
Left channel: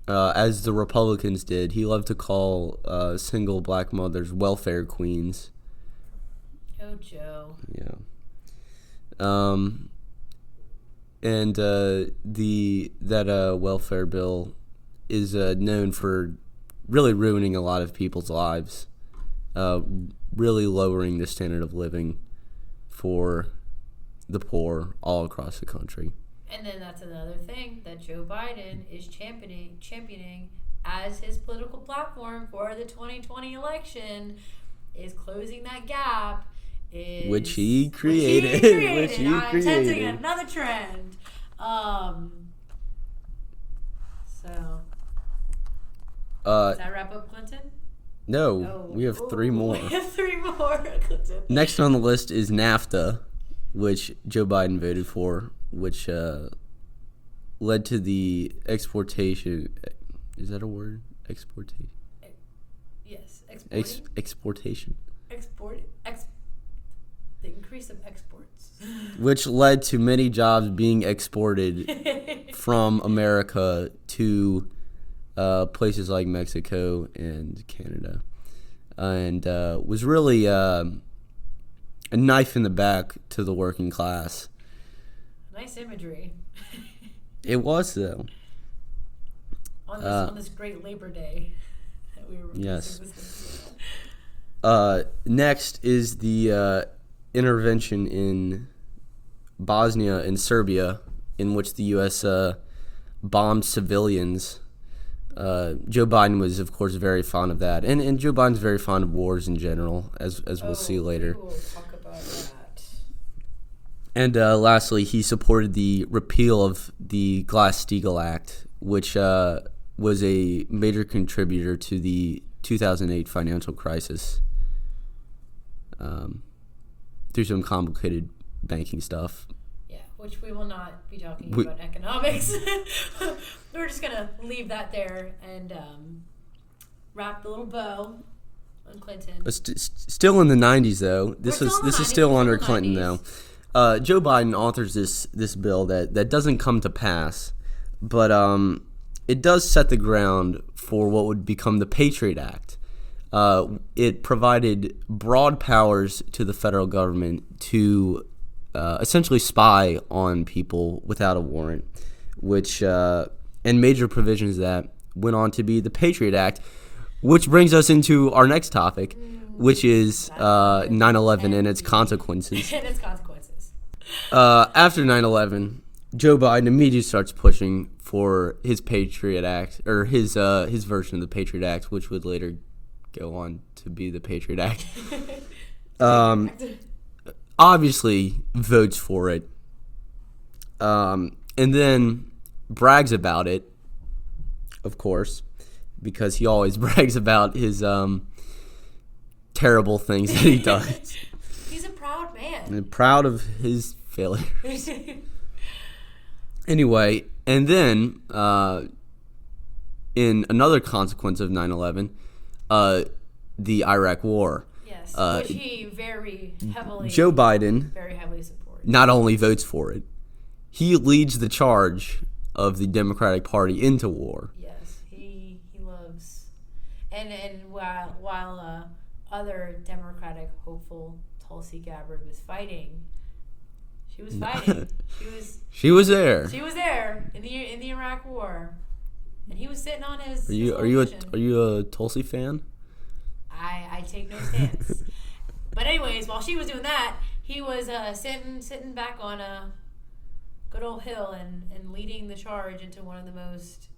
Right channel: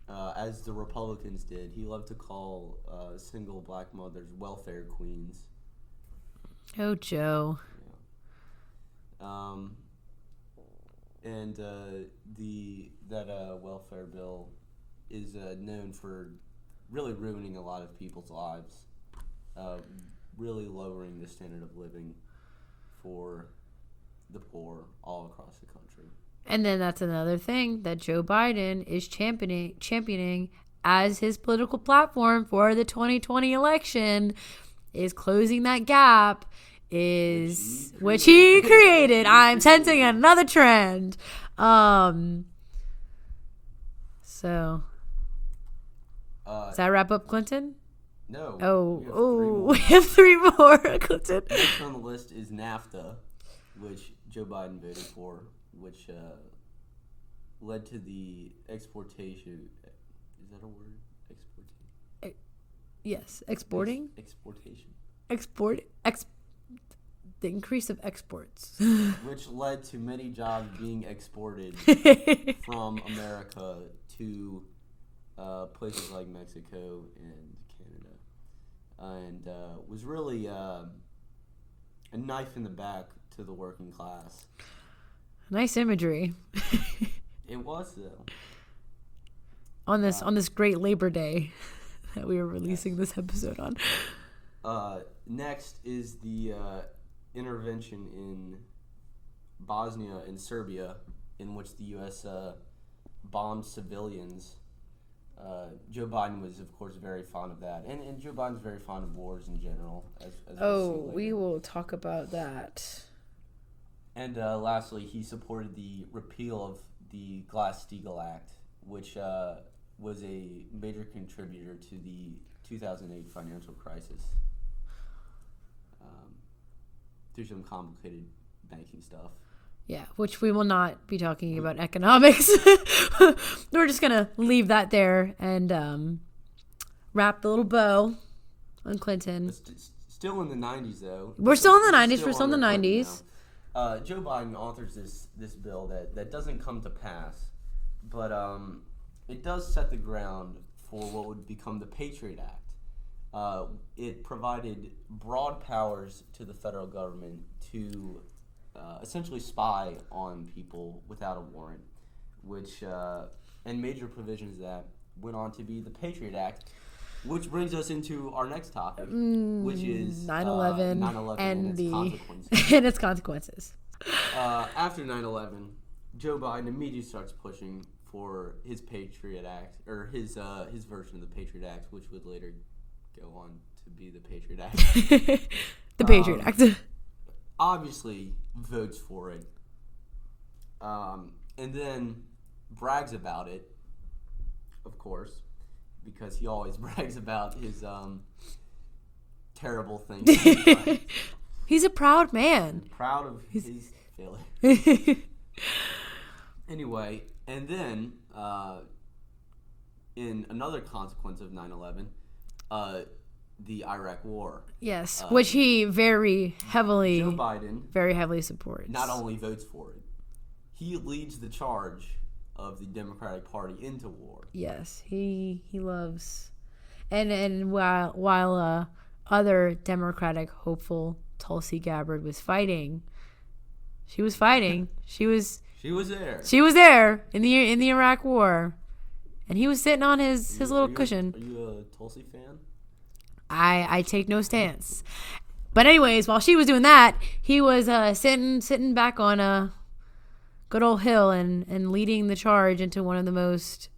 as the Republicans did, he loved to call single black mothers welfare queens. Oh, Joe. Yeah. And that welfare bill is known for really ruining a lot of people's lives, really lowering the standard of living for the poor all across the country. And then that's another thing that Joe Biden is championing as his political platform for the 2020 election, is closing that gap. Which he created. I'm sensing another trend. So does that wrap up Clinton? No. We have 3 more. We have 3 more, Clinton. Next on the list is NAFTA, which Joe Biden voted for, which led to the exportation. Is that a word? Exportation. Yes, exporting. Exportation. The increase of exports, which led to many jobs being exported from America to places like Mexico and Canada, and was really a knife in the back to the working class. Nice imagery. It was, though. On this great Labor Day that we were releasing this episode on. Next is the intervention in Bosnia and Serbia, in which the U.S. bombed civilians. Joe Biden was, of course, very fond of that. And Joe Biden's very fond of wars in general, as we'll see later. We will talk about that. And lastly, he supported the repeal of the Glass-Steagall Act, which was a major contributor to the 2008 financial crisis, through some complicated banking stuff. Yeah, which we will not be talking about economics. We're just going to leave that there and wrap the little bow on Clinton. Still in the 90s, though. We're still in the 90s. This is still under Clinton, though. Joe Biden authors this bill that doesn't come to pass, but it does set the ground for what would become the Patriot Act. It provided broad powers to the federal government to essentially spy on people without a warrant, which and major provisions that went on to be the Patriot Act, which brings us into our next topic, which is 9/11 and its consequences. And its consequences. After 9/11, Joe Biden immediately starts pushing for his Patriot Act, or his version of the Patriot Act, which would later go on to be the Patriot Act. The Patriot Act. obviously votes for it, and then brags about it, of course, because he always brags about his terrible things that he does. He's a proud man. And proud of his failures. Anyway, and then in another consequence of 9/11, the Iraq War. Yes, which he very heavily, Joe Biden, very heavily supports. not only votes for it, he leads the charge of the Democratic Party into war. Yes, he loves, and while other Democratic hopeful Tulsi Gabbard was fighting, she was fighting. She was there. She was there in the Iraq War, and he was sitting on his little cushion. Are you a Tulsi fan? I take no stance. But anyways, while she was doing that, he was sitting back on a good old hill and leading the charge into one of the most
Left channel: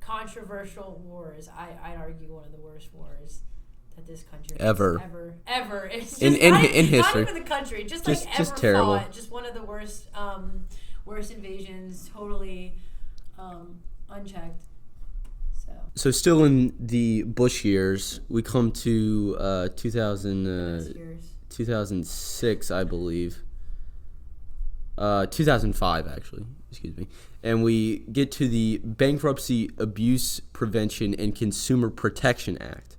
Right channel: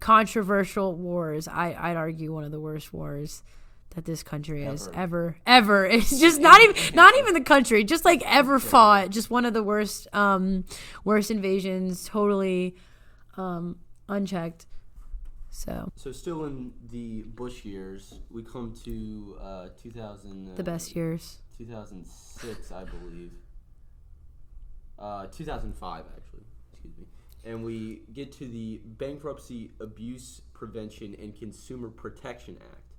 controversial wars. I'd argue one of the worst wars that this country has ever. It's just not even the country, just ever fought. Just one of the worst invasions, totally unchecked. So still in the Bush years, we come to 2000. The best years. 2006, I believe. 2005, actually. Excuse me. And we get to the Bankruptcy Abuse Prevention and Consumer Protection Act,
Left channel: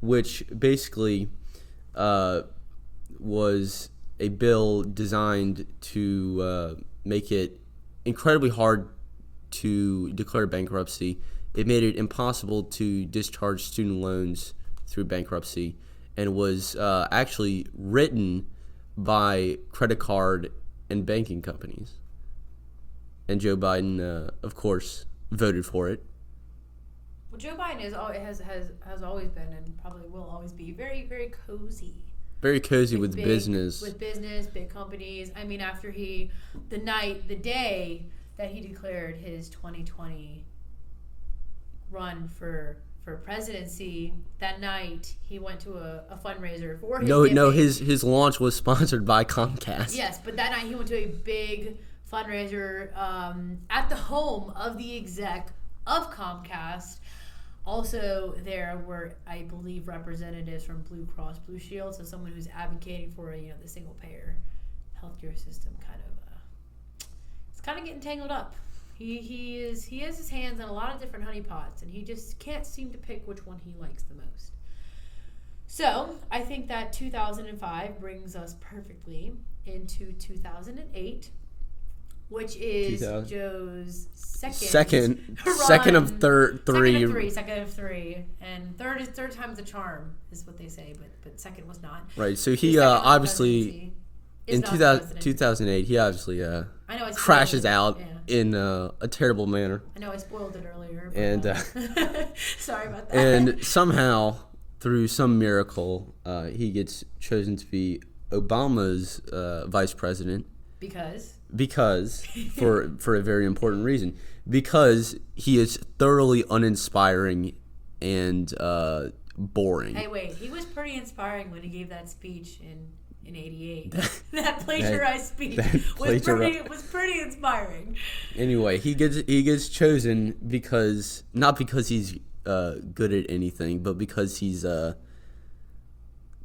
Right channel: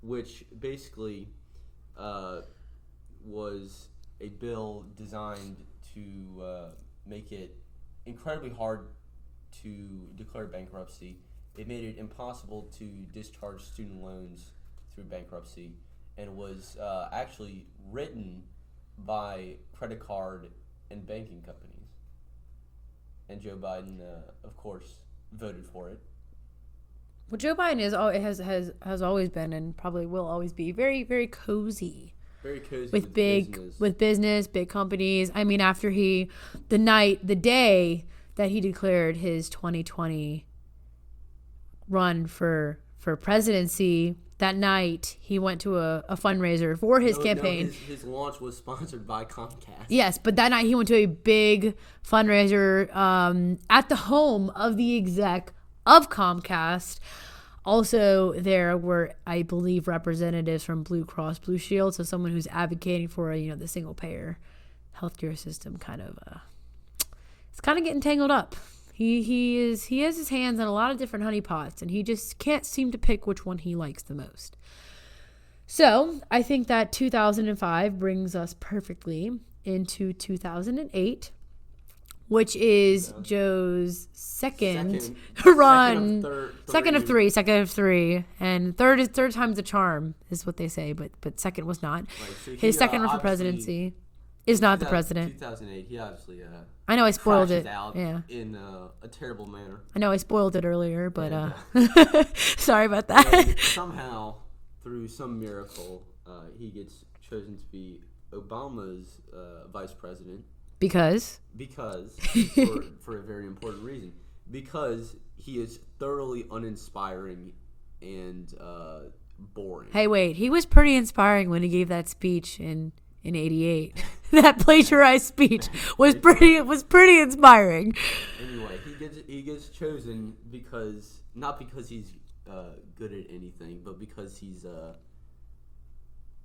which basically was a bill designed to make it incredibly hard to declare bankruptcy. It made it impossible to discharge student loans through bankruptcy, and was actually written by credit card and banking companies. And Joe Biden, of course, voted for it. Well, Joe Biden has always been, and probably will always be, very, very cozy. Very cozy with business. With business, big companies. I mean, after the day that he declared his 2020 run for presidency, that night he went to a fundraiser for his campaign. No, his launch was sponsored by Comcast. Yes, but that night he went to a big fundraiser at the home of the exec of Comcast. Also, there were, I believe, representatives from Blue Cross Blue Shield, so someone who's advocating for the single payer healthcare system. It's kind of getting tangled up. He has his hands in a lot of different honeypots, and he just can't seem to pick which one he likes the most. So I think that 2005 brings us perfectly into 2008, which is Joe's second run. Second of three, and third time's the charm is what they say, but second was not. Right. So he obviously is not the president. 2008, he obviously I know I crashes out in a terrible manner. I know I spoiled it earlier, but sorry about that. And somehow, through some miracle, he gets chosen to be Obama's vice president. Because for a very important reason. Because he is thoroughly uninspiring and boring. Hey, wait, he was pretty inspiring when he gave that speech in '88. That plagiarized speech was pretty inspiring. Anyway, he gets chosen because not because he's good at anything, but because he's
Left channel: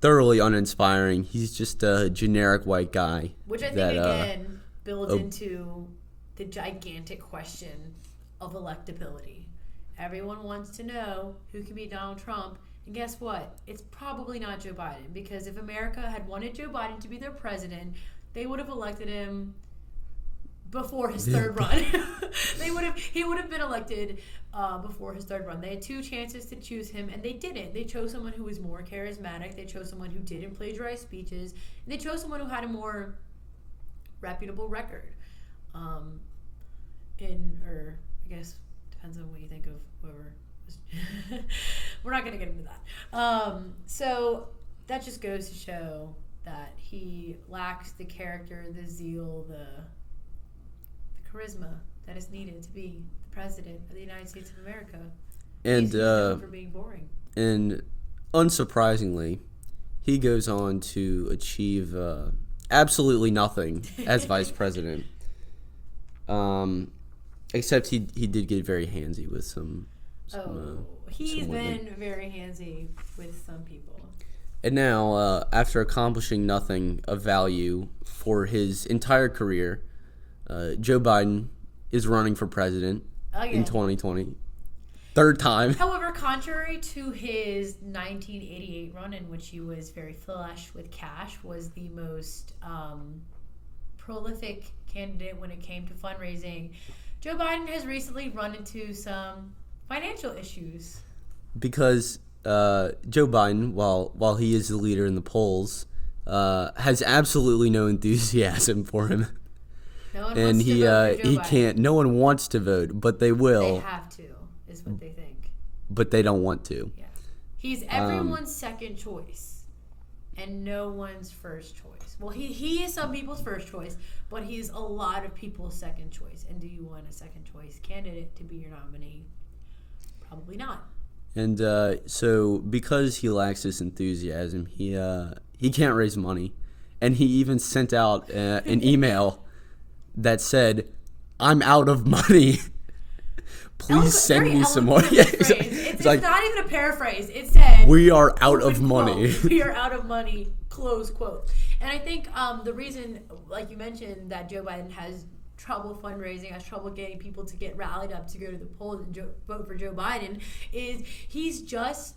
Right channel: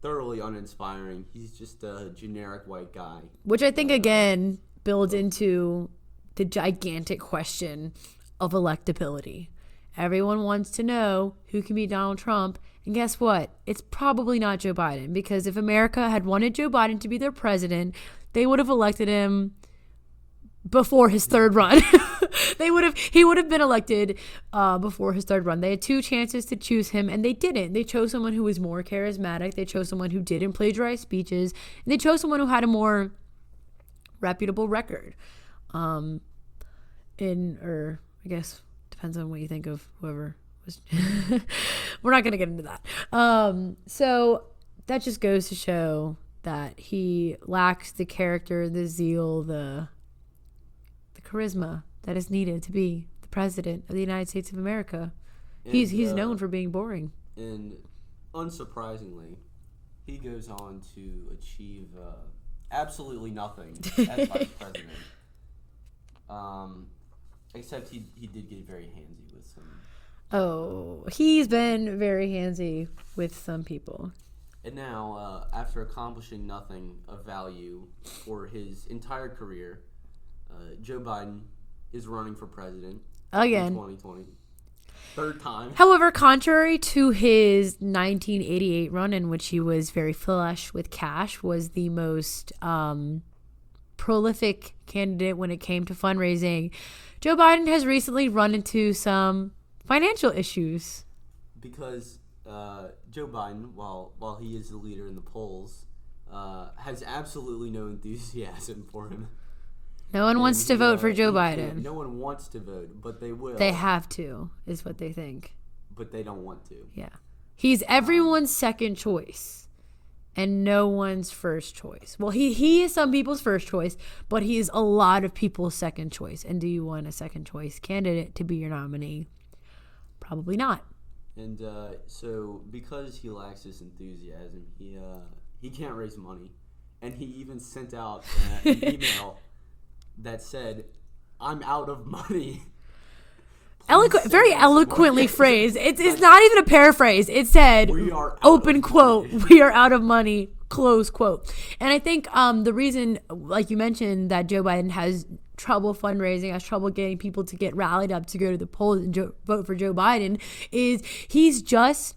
thoroughly uninspiring. He's just a generic white guy. Which I think, again, builds into the gigantic question of electability. Everyone wants to know who can be Donald Trump. And guess what? It's probably not Joe Biden. Because if America had wanted Joe Biden to be their president, they would have elected him before his third run. He would have been elected before his third run. They had two chances to choose him, and they didn't. They chose someone who was more charismatic. They chose someone who didn't plagiarize speeches, and they chose someone who had a more reputable record. I guess depends on what you think of whoever was. We're not going to get into that. So that just goes to show that he lacks the character, the zeal, the charisma that is needed to be the president of the United States of America. And he's known for being boring. And unsurprisingly, he goes on to achieve absolutely nothing as vice president. Except he did get very handsy with some he's been very handsy with some people. And now, after accomplishing nothing of value for his entire career, Joe Biden is running for president in 2020. Third time. However, contrary to his 1988 run, in which he was very flush with cash, was the most prolific candidate when it came to fundraising, Joe Biden has recently run into some financial issues. Because Joe Biden, while he is the leader in the polls, has absolutely no enthusiasm for him. No one wants to vote for Joe Biden. No one wants to vote, but they will. They have to, is what they think. But they don't want to. Yeah. He's everyone's second choice and no one's first choice. Well, he is some people's first choice, but he is a lot of people's second choice. And do you want a second choice candidate to be your nominee? Probably not. And so because he lacks this enthusiasm, he can't raise money. And he even sent out an email that said, "I'm out of money." Very eloquently phrased. It's like, not even a paraphrase. It said, "We are out of quote, money." We are out of money, close quote. And I think the reason, like you mentioned, that Joe Biden has trouble fundraising, has trouble getting people to get rallied up to go to the polls and vote for Joe Biden, is he's just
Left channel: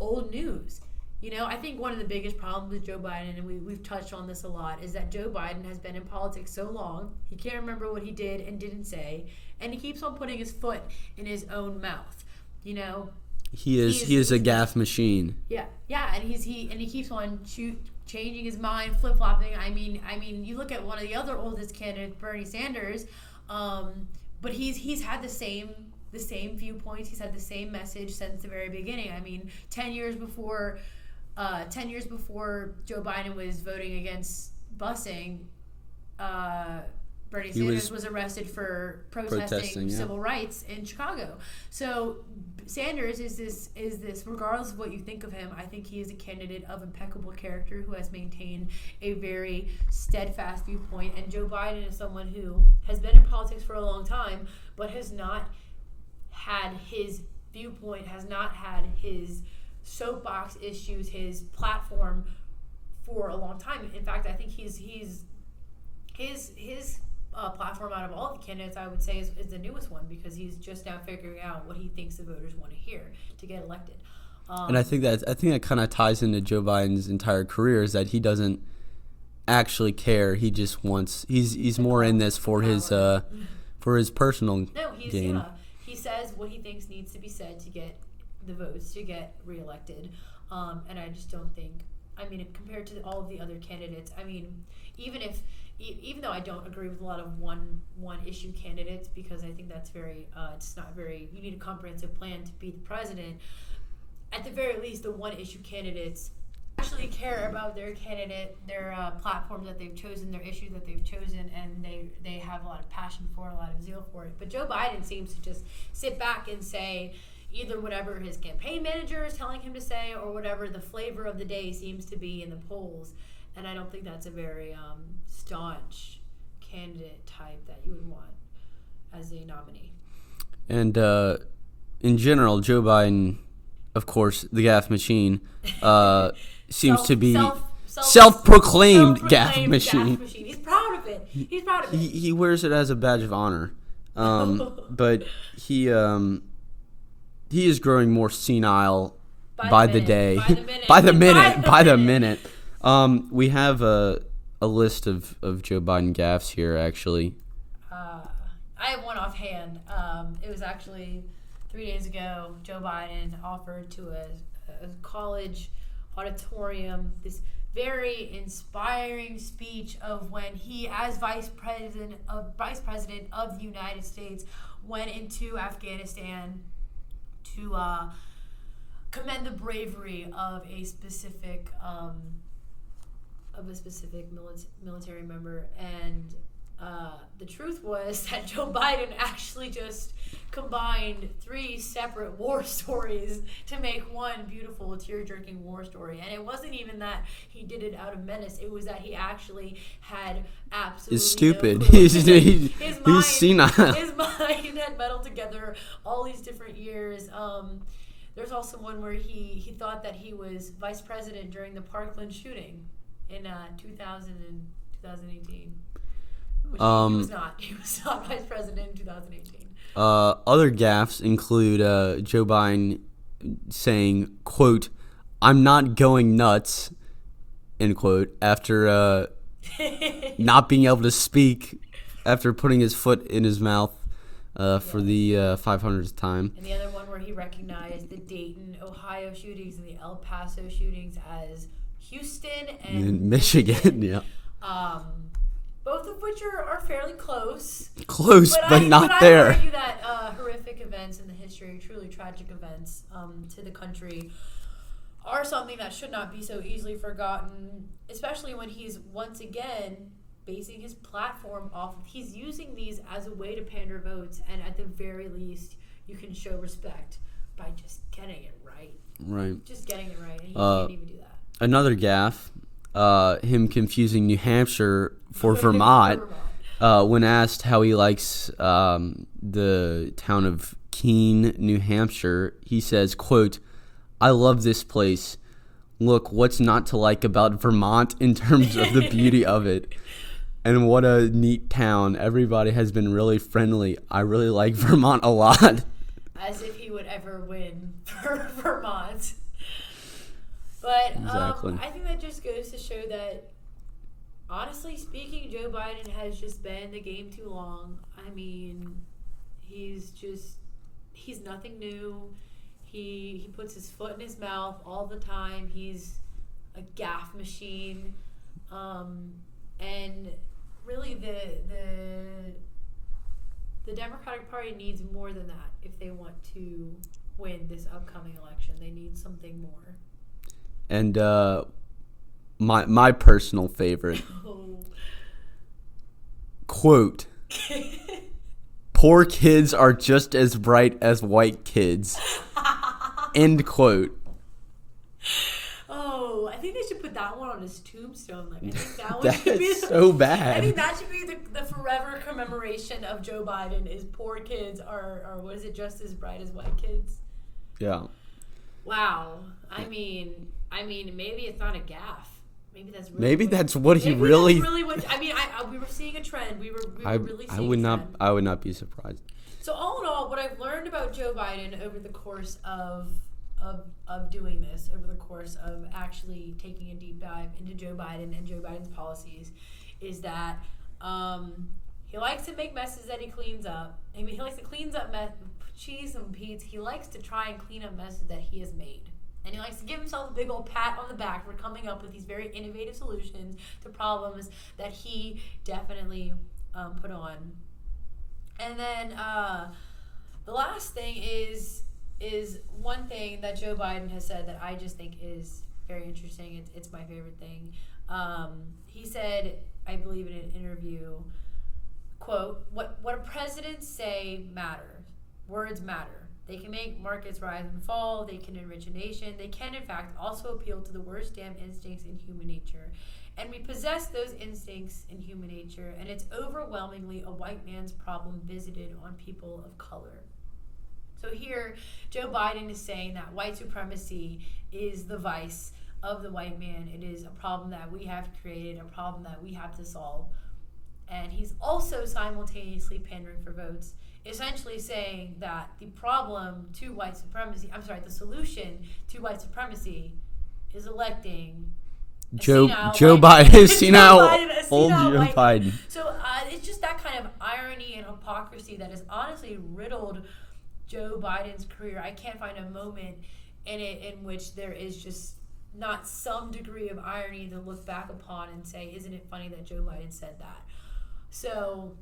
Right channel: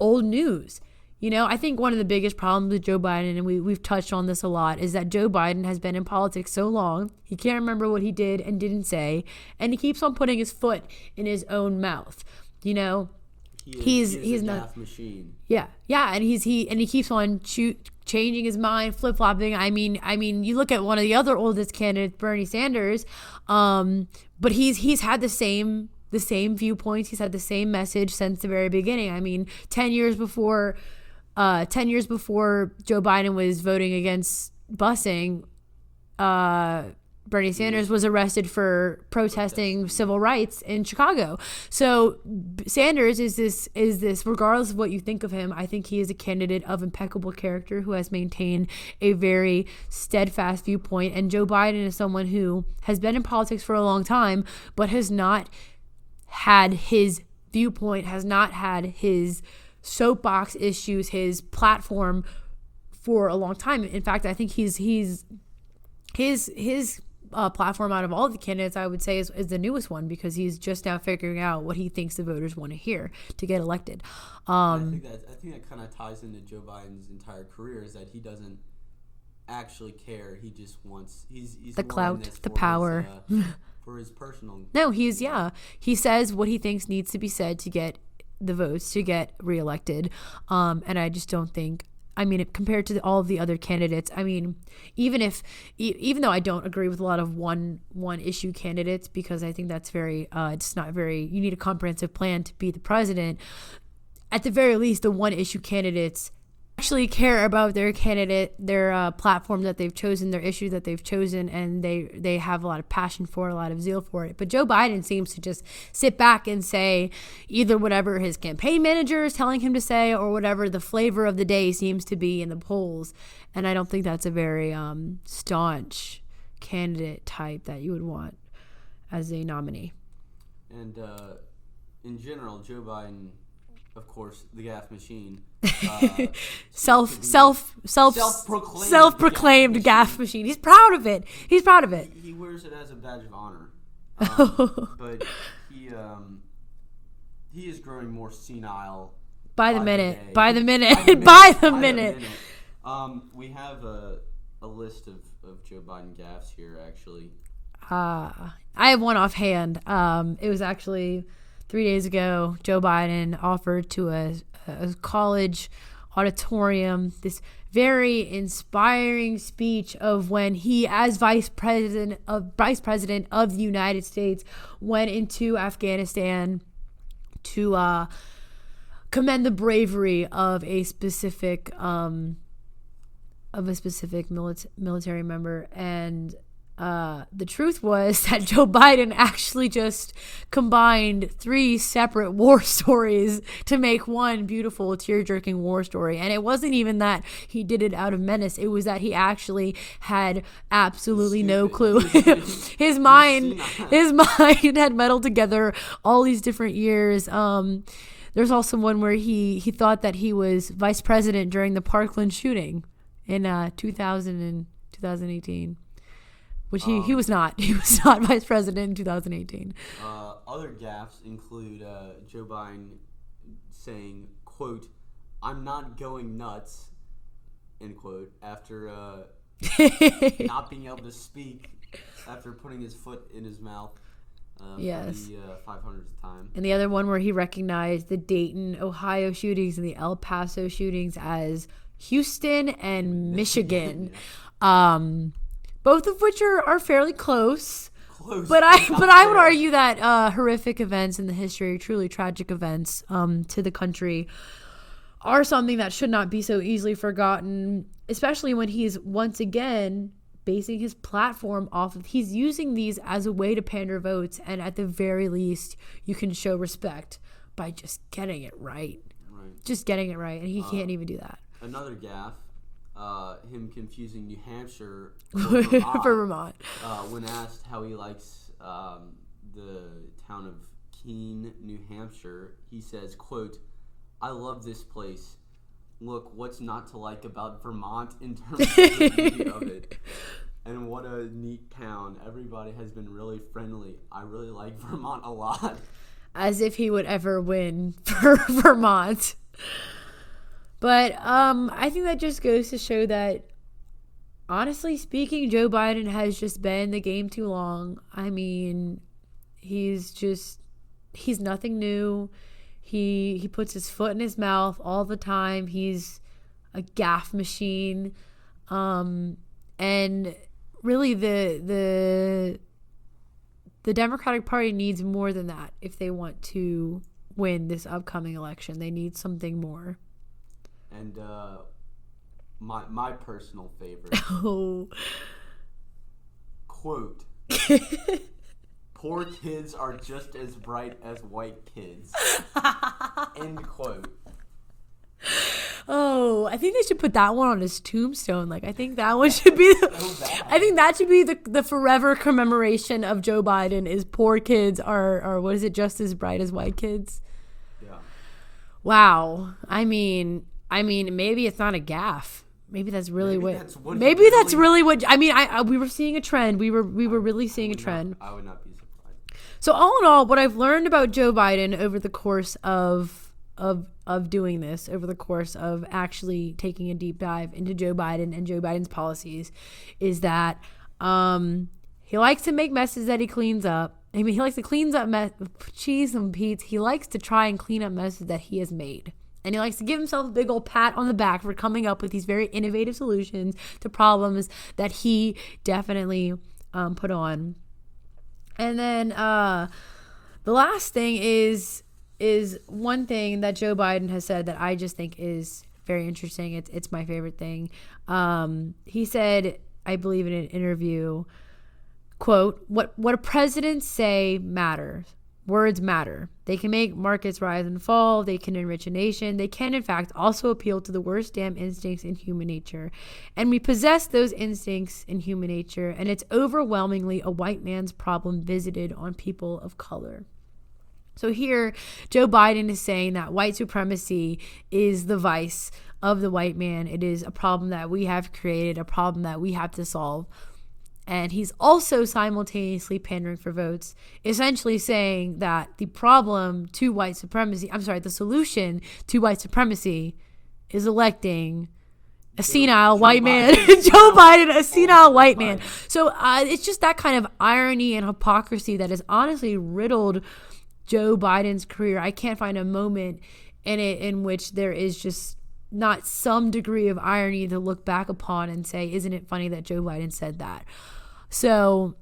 old news. You know, I think one of the biggest problems with Joe Biden, and we've touched on this a lot, is that Joe Biden has been in politics so long, he can't remember what he did and didn't say, and he keeps on putting his foot in his own mouth. You know, he is a gaffe machine. Yeah, and he keeps on changing his mind, flip flopping. I mean, you look at one of the other oldest candidates, Bernie Sanders, but he's had the same viewpoints. He's had the same message since the very beginning. I mean, 10 years before Joe Biden was voting against busing, Bernie Sanders was arrested for protesting civil rights in Chicago. So Sanders is this, regardless of what you think of him, I think he is a candidate of impeccable character who has maintained a very steadfast viewpoint. And Joe Biden is someone who has been in politics for a long time, but has not had his viewpoint, has not had his soapbox issues, his platform for a long time. In fact, I think his platform out of all the candidates, I would say, is the newest one, because he's just now figuring out what he thinks the voters want to hear to get elected. And I think that kind of ties into Joe Biden's entire career, is that he doesn't actually care. He just wants he's more clout, in this for his personal. No, he says what he thinks needs to be said to get the votes to get reelected. And I just don't think, I mean, compared to all of the other candidates, I mean, even though I don't agree with a lot of one issue candidates, because I think that's very, it's not very, you need a comprehensive plan to be the president. At the very least, the one issue candidates actually care about their candidate, their platform that they've chosen, their issue that they've chosen, and they have a lot of passion for it, a lot of zeal for it. But Joe Biden seems to just sit back and say either whatever his campaign manager is telling him to say, or whatever the flavor of the day seems to be in the polls. And I don't think that's a very staunch candidate type that you would want as a nominee. And in general, Joe Biden, of course, the gaffe machine, seems to be self-proclaimed gaffe machine. He's proud of it. He wears it as a badge of honor. But he is growing more senile by the day. By the minute. We have a list of Joe Biden gaffes here, actually. I have one offhand. It was actually 3 days ago. Joe Biden offered to a college auditorium this very inspiring speech of when he, as vice president of the United States, went into Afghanistan to commend the bravery of a specific military member. And the truth was that Joe Biden actually just combined 3 separate war stories to make one beautiful tear-jerking war story. And it wasn't even that he did it out of menace. It was that he actually had absolutely no clue. His mind had meddled together all these different years. There's also one where he thought that he was vice president during the Parkland shooting in 2018. Which he was not. He was not vice president in 2018. Other gaffes include Joe Biden saying, quote, "I'm not going nuts," end quote, after not being able to speak after putting his foot in his mouth for the 500th time. And the other one where he recognized the Dayton, Ohio shootings and the El Paso shootings as Houston and Michigan. Yeah. Both of which are fairly close. But I would argue that horrific events in the history, truly tragic events to the country, are something that should not be so easily forgotten, especially when he's once again basing his platform off of, he's using these as a way to pander votes, and at the very least, you can show respect by just getting it right. Right. Just getting it right, and he can't even do that. Another gaffe. Him confusing New Hampshire for Vermont, when asked how he likes the town of Keene, New Hampshire, he says, quote, "I love this place. Look, what's not to like about Vermont in terms of the beauty of it? And what a neat town. Everybody has been really friendly. I really like Vermont a lot." As if he would ever win for Vermont. But Exactly. I think that just goes to show that, honestly speaking, Joe Biden has just been in the game too long. I mean, he's nothing new. He puts his foot in his mouth all the time. He's a gaffe machine. And really the Democratic Party needs more than that if they want to win this upcoming election. They need something more. And my personal favorite, quote, "Poor kids are just as bright as white kids," end quote. Oh, I think they should put that one on his tombstone. Like, I think that one should be so bad. I think that should be the forever commemoration of Joe Biden is poor kids are what is it, just as bright as white kids? Yeah. Wow. I mean, maybe it's not a gaffe. Maybe that's really maybe that's what he maybe really, that's really what I mean. We were seeing a trend. We were really seeing a trend. I would not be surprised. So all in all, what I've learned about Joe Biden over the course of doing this, over the course of actually taking a deep dive into Joe Biden and Joe Biden's policies, is that he likes to make messes that he cleans up. I mean, he likes to clean up cheese and Pete's. He likes to try and clean up messes that he has made. And he likes to give himself a big old pat on the back for coming up with these very innovative solutions to problems that he definitely put on. And then the last thing is one thing that Joe Biden has said that I just think is very interesting. It's my favorite thing. He said, I believe in an interview, quote, what a president say matters. Words matter. They can make markets rise and fall. They can enrich a nation. They can, in fact, also appeal to the worst damn instincts in human nature. And we possess those instincts in human nature, and it's overwhelmingly a white man's problem visited on people of color. So here, Joe Biden is saying that white supremacy is the vice of the white man. It is a problem that we have created, a problem that we have to solve. And he's also simultaneously pandering for votes, essentially saying that the solution to white supremacy is electing a senile white man. Joe Biden, a senile white man. So it's just that kind of irony and hypocrisy that has honestly riddled Joe Biden's career. I can't find a moment in it in which there is just not some degree of irony to look back upon and say, isn't it funny that Joe Biden said that? So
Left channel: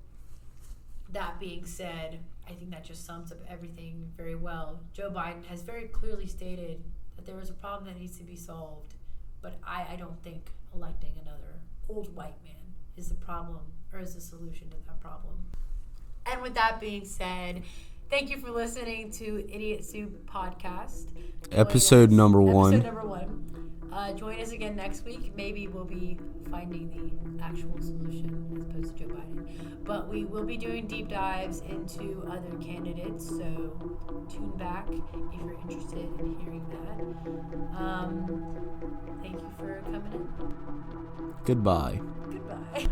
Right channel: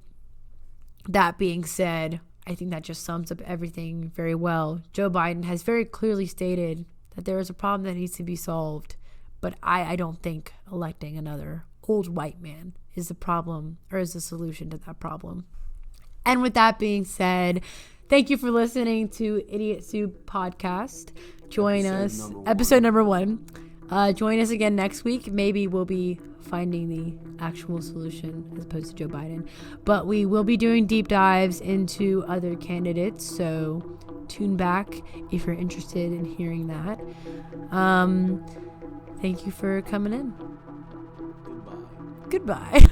that being said, I think that just sums up everything very well. Joe Biden has very clearly stated that there is a problem that needs to be solved, but I don't think electing another old white man is the problem, or is the solution to that problem. And with that being said, thank you for listening to Idiot Soup Podcast. Episode number one. Join us again next week. Maybe we'll be finding the actual solution as opposed to Joe Biden. But we will be doing deep dives into other candidates, so tune back if you're interested in hearing that. Thank you for coming in. Goodbye. Goodbye.